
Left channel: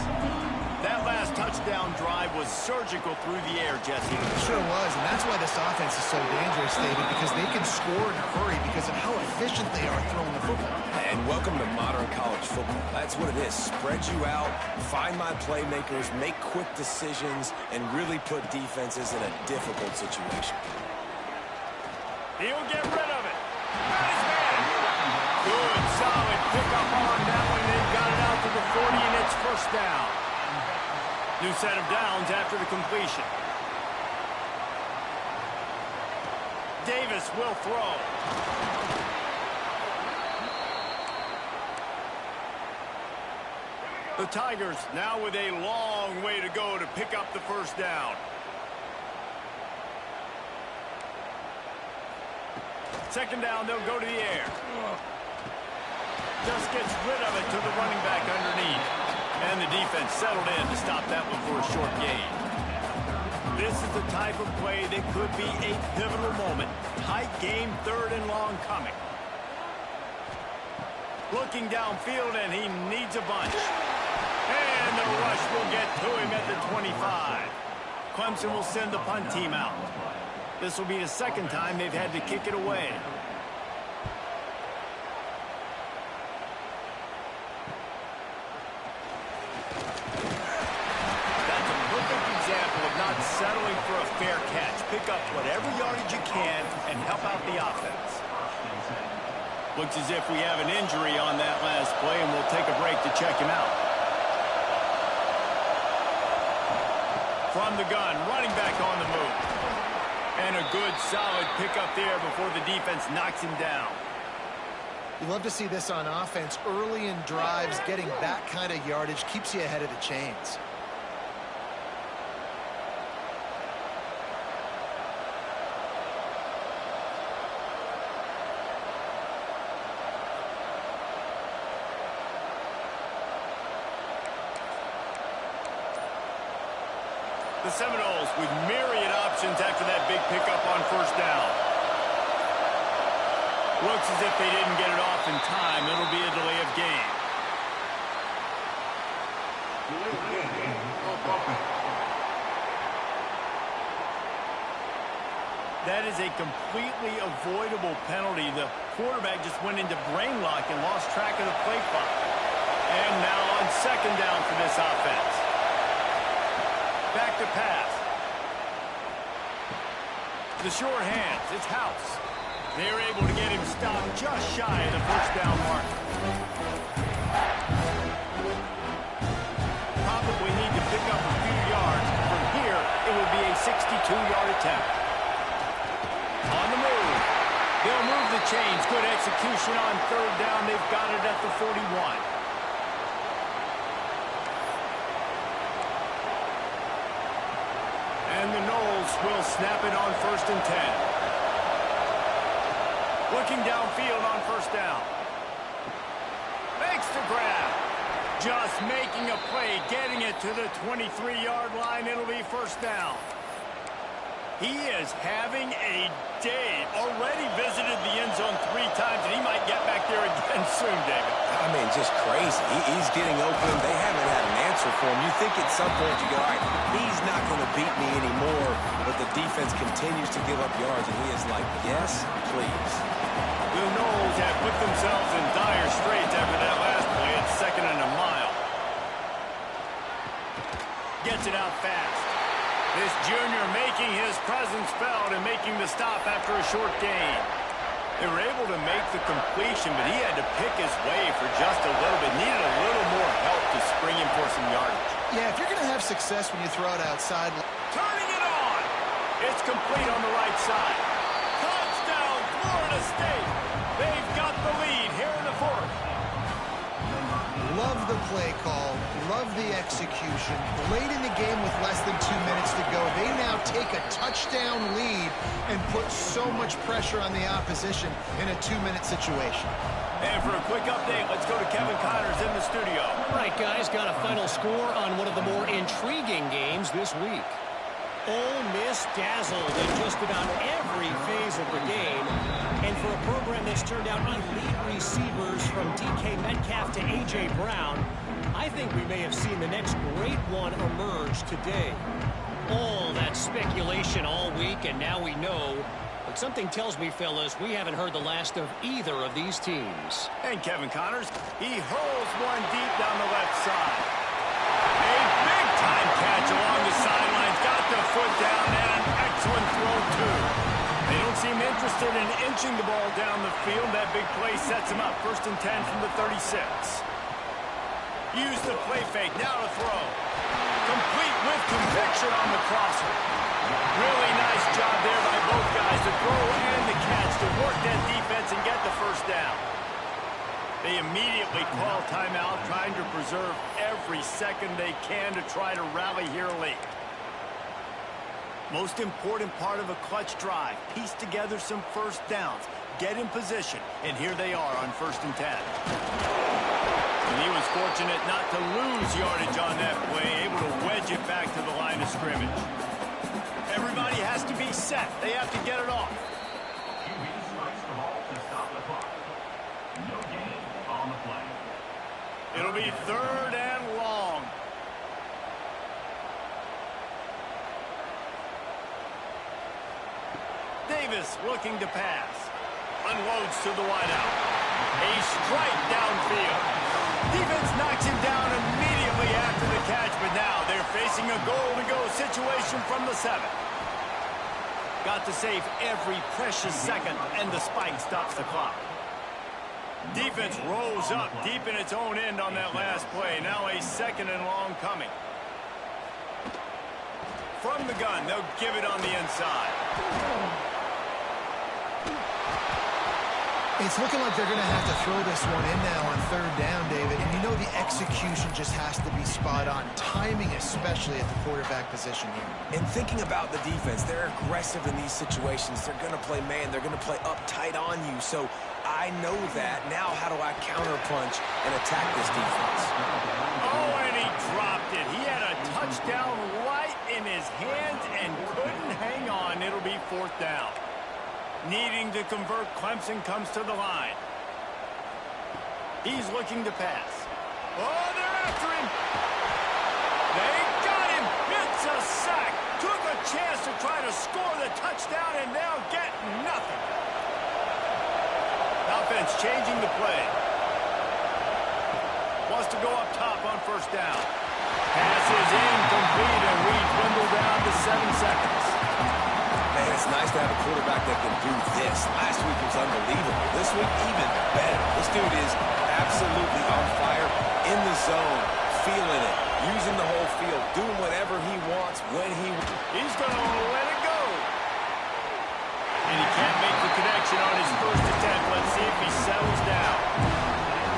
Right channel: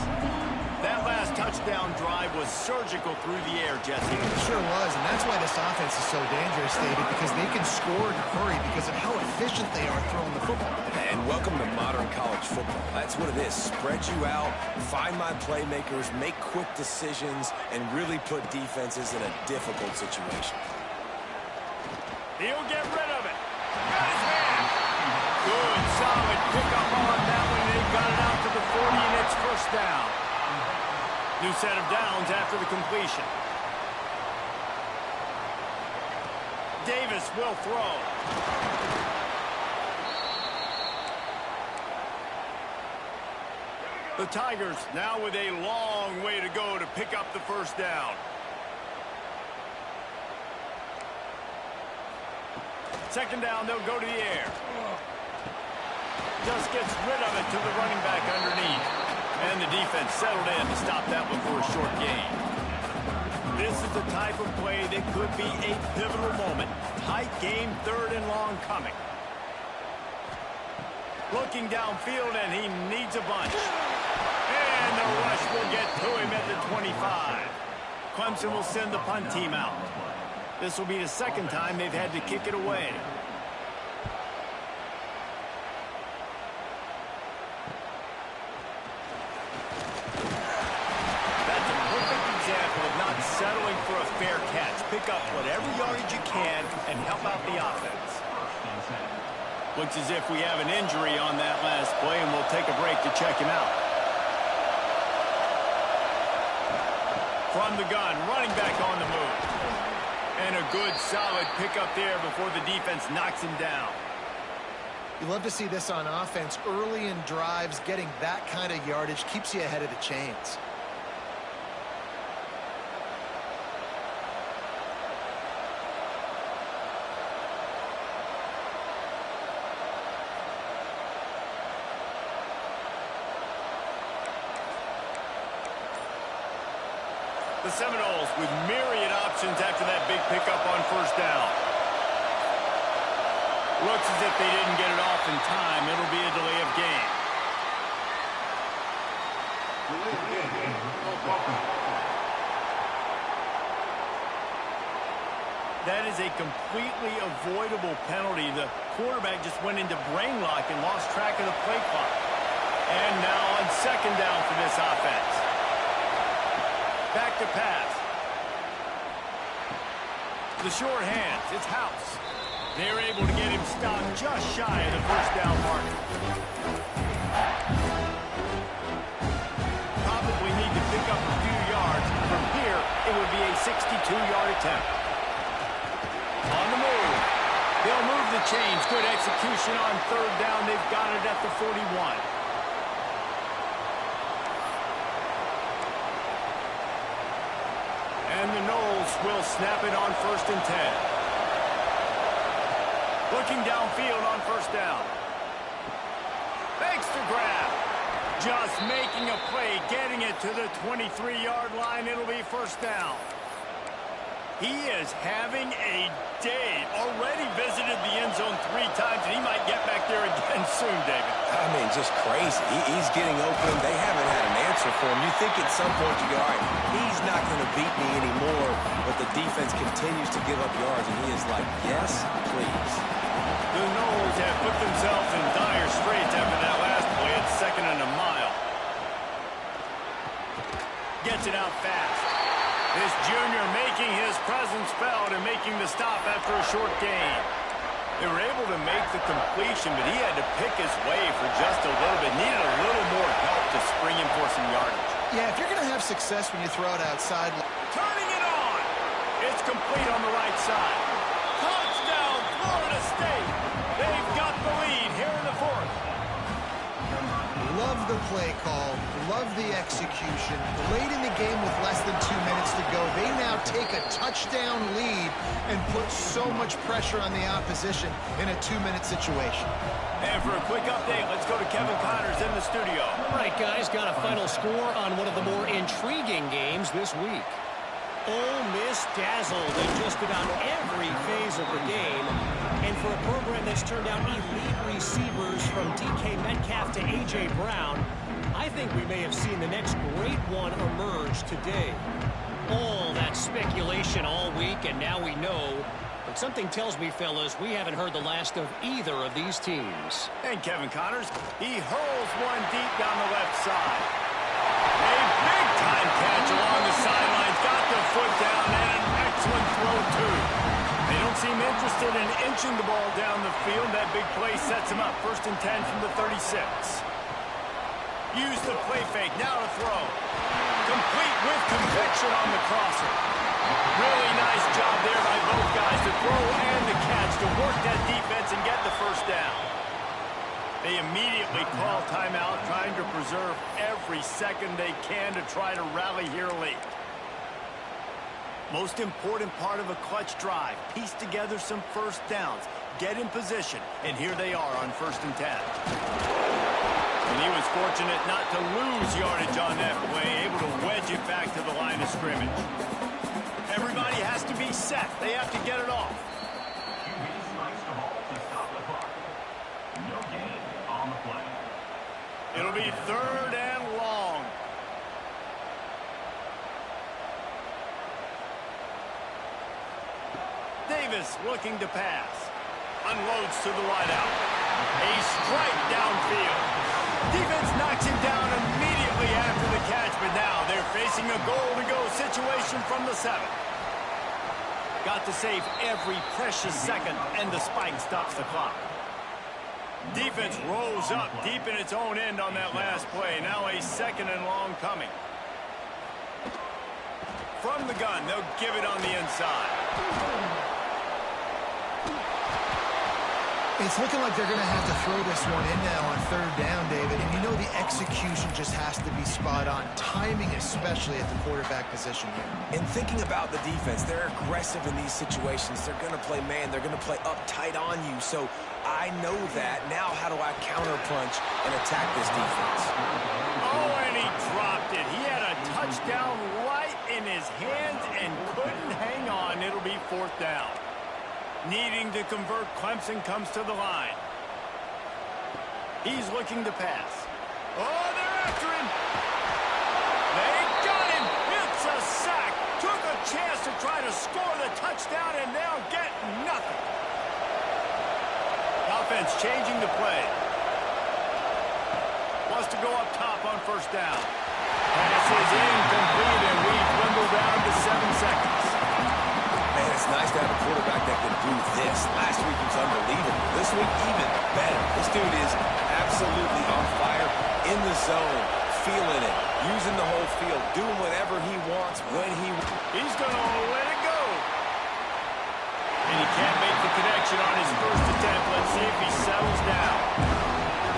That last last touchdown drive was surgical through the air, Jesse. It sure was, and that's why this offense is so dangerous, David, because they can score in a hurry because of how efficient they are throwing the football. And welcome to modern college football. That's what it is. Spread you out, find my playmakers, make quick decisions, and really put defenses in a difficult situation. He'll get rid of it. Got his man. Good, solid pickup on that one. They've got it out to the 40, and it's first down. New set of downs after the completion. Davis will throw. The Tigers now with a long way to go to pick up the first down. Second down, they'll go to the air. Just gets rid of it to the running back underneath. And the defense settled in to stop that one for a short gain. This is the type of play that could be a pivotal moment. Tight game, third and long coming. Looking downfield, and he needs a bunch. And the rush will get to him at the 25. Clemson will send the punt team out. This will be the second time they've had to kick it away. That's a perfect example of not settling for a fair catch. Pick up whatever yardage you can and help out the offense. Looks as if we have an injury on that last play, and we'll take a break to check him out. From the gun, running back on the move. And a good, solid pickup there before the defense knocks him down. You love to see this on offense. Early in drives, getting that kind of yardage keeps you ahead of the chains. The Seminoles with myriad options after that big pickup on first down. Looks as if they didn't get it off in time. It'll be a delay of game. That is a completely avoidable penalty. The quarterback just went into brain lock and lost track of the play clock. And now on second down for this offense. Back to pass. The short hands, it's House. They're able to get him stopped just shy of the first down mark. Probably need to pick up a few yards. From here, it would be a 62-yard attempt. On the move. They'll move the chains. Good execution on third down. They've got it at the 41. And the Noles will snap it on 1st and 10. Looking downfield on first down. Makes the grab. Just making a play, getting it to the 23-yard line. It'll be first down. He is having a day. Already visited the end zone 3 times, and he might get back there again soon, David. I mean, just crazy. He's getting open. They haven't had an answer for him. You think at some point you go, all right, he's not going to beat me anymore, but the defense continues to give up yards, and he is like, yes, please. The Noles have put themselves in dire straits after that last play. It's 2nd and a mile. Gets it out fast. This junior making his presence felt and making the stop after a short gain. They were able to make the completion, but he had to pick his way for just a little bit. Needed a little more help to spring him for some yardage. Yeah, if you're going to have success when you throw it outside. Turning it on. It's complete on the right side. Touchdown, Florida State. They've got the lead here in the 4th. Love the play call. Love the execution. Late in the game with less than 2 minutes to go, they now take a touchdown lead and put so much pressure on the opposition in a 2-minute situation. And for a quick update, let's go to Kevin Connors in the studio. All right, guys, got a final score on one of the more intriguing games this week. Ole Miss dazzled in just about every phase of the game. And for a program that's turned out elite receivers from DK Metcalf to A.J. Brown, I think we may have seen the next great one emerge today. All that speculation all week, and now we know. But something tells me, fellas, we haven't heard the last of either of these teams. And Kevin Connors, he hurls one deep down the left side. A big-time catch along the sidelines. Got the foot down and an excellent throw, too. They don't seem interested in inching the ball down the field. That big play sets him up. 1st and 10 from the 36. Use the play fake. Now to throw. Complete with conviction on the crosser. Really nice job there by both guys to throw and the catch to work that defense and get the first down. They immediately call timeout, trying to preserve every second they can to try to rally here late. Most important part of a clutch drive, piece together some first downs, get in position, and here they are on 1st and 10. And he was fortunate not to lose yardage on that play, able to wedge it back to the line of scrimmage. Everybody has to be set. They have to get it off. QB strikes the ball to stop the clock. No gain on the play. It'll be 3rd and long. Davis looking to pass. Unloads to the wideout. A strike downfield. Defense knocks him down immediately after the catch, but now they're facing a goal-to-go situation from the 7. Got to save every precious second, and the spike stops the clock. Defense rose up deep in its own end on that last play. Now a 2nd and long coming. From the gun, they'll give it on the inside. It's looking like they're going to have to throw this one in now on 3rd down, David. And you know the execution just has to be spot on. Timing especially at the quarterback position here. And thinking about the defense, they're aggressive in these situations. They're going to play man. They're going to play up tight on you. So I know that. Now how do I counterpunch and attack this defense? Oh, and he dropped it. He had a touchdown right in his hands and couldn't hang on. It'll be 4th down. Needing to convert, Clemson comes to the line. He's looking to pass. Oh, they're after him. They got him. It's a sack. Took a chance to try to score the touchdown and now get nothing. Offense changing the play. Wants to go up top on 1st down. Pass is incomplete, and we dwindle down to 7 seconds. Man, it's nice to have a quarterback that can do this. Last week was unbelievable. This week, even better. This dude is absolutely on fire, in the zone, feeling it, using the whole field, doing whatever he wants when he wants. He's going to let it go. And he can't make the connection on his first attempt. Let's see if he settles down.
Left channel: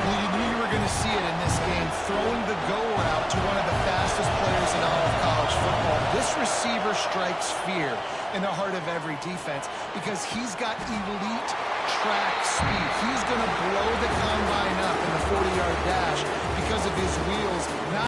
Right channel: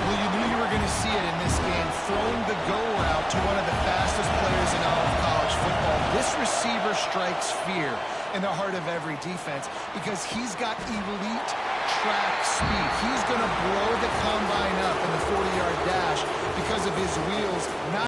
Well, you knew you were going to see it in this game, throwing the go route to one of the fastest players in all of college football. This receiver strikes fear in the heart of every defense because he's got elite track speed. He's going to blow the combine up in the 40-yard dash because of his wheels. Not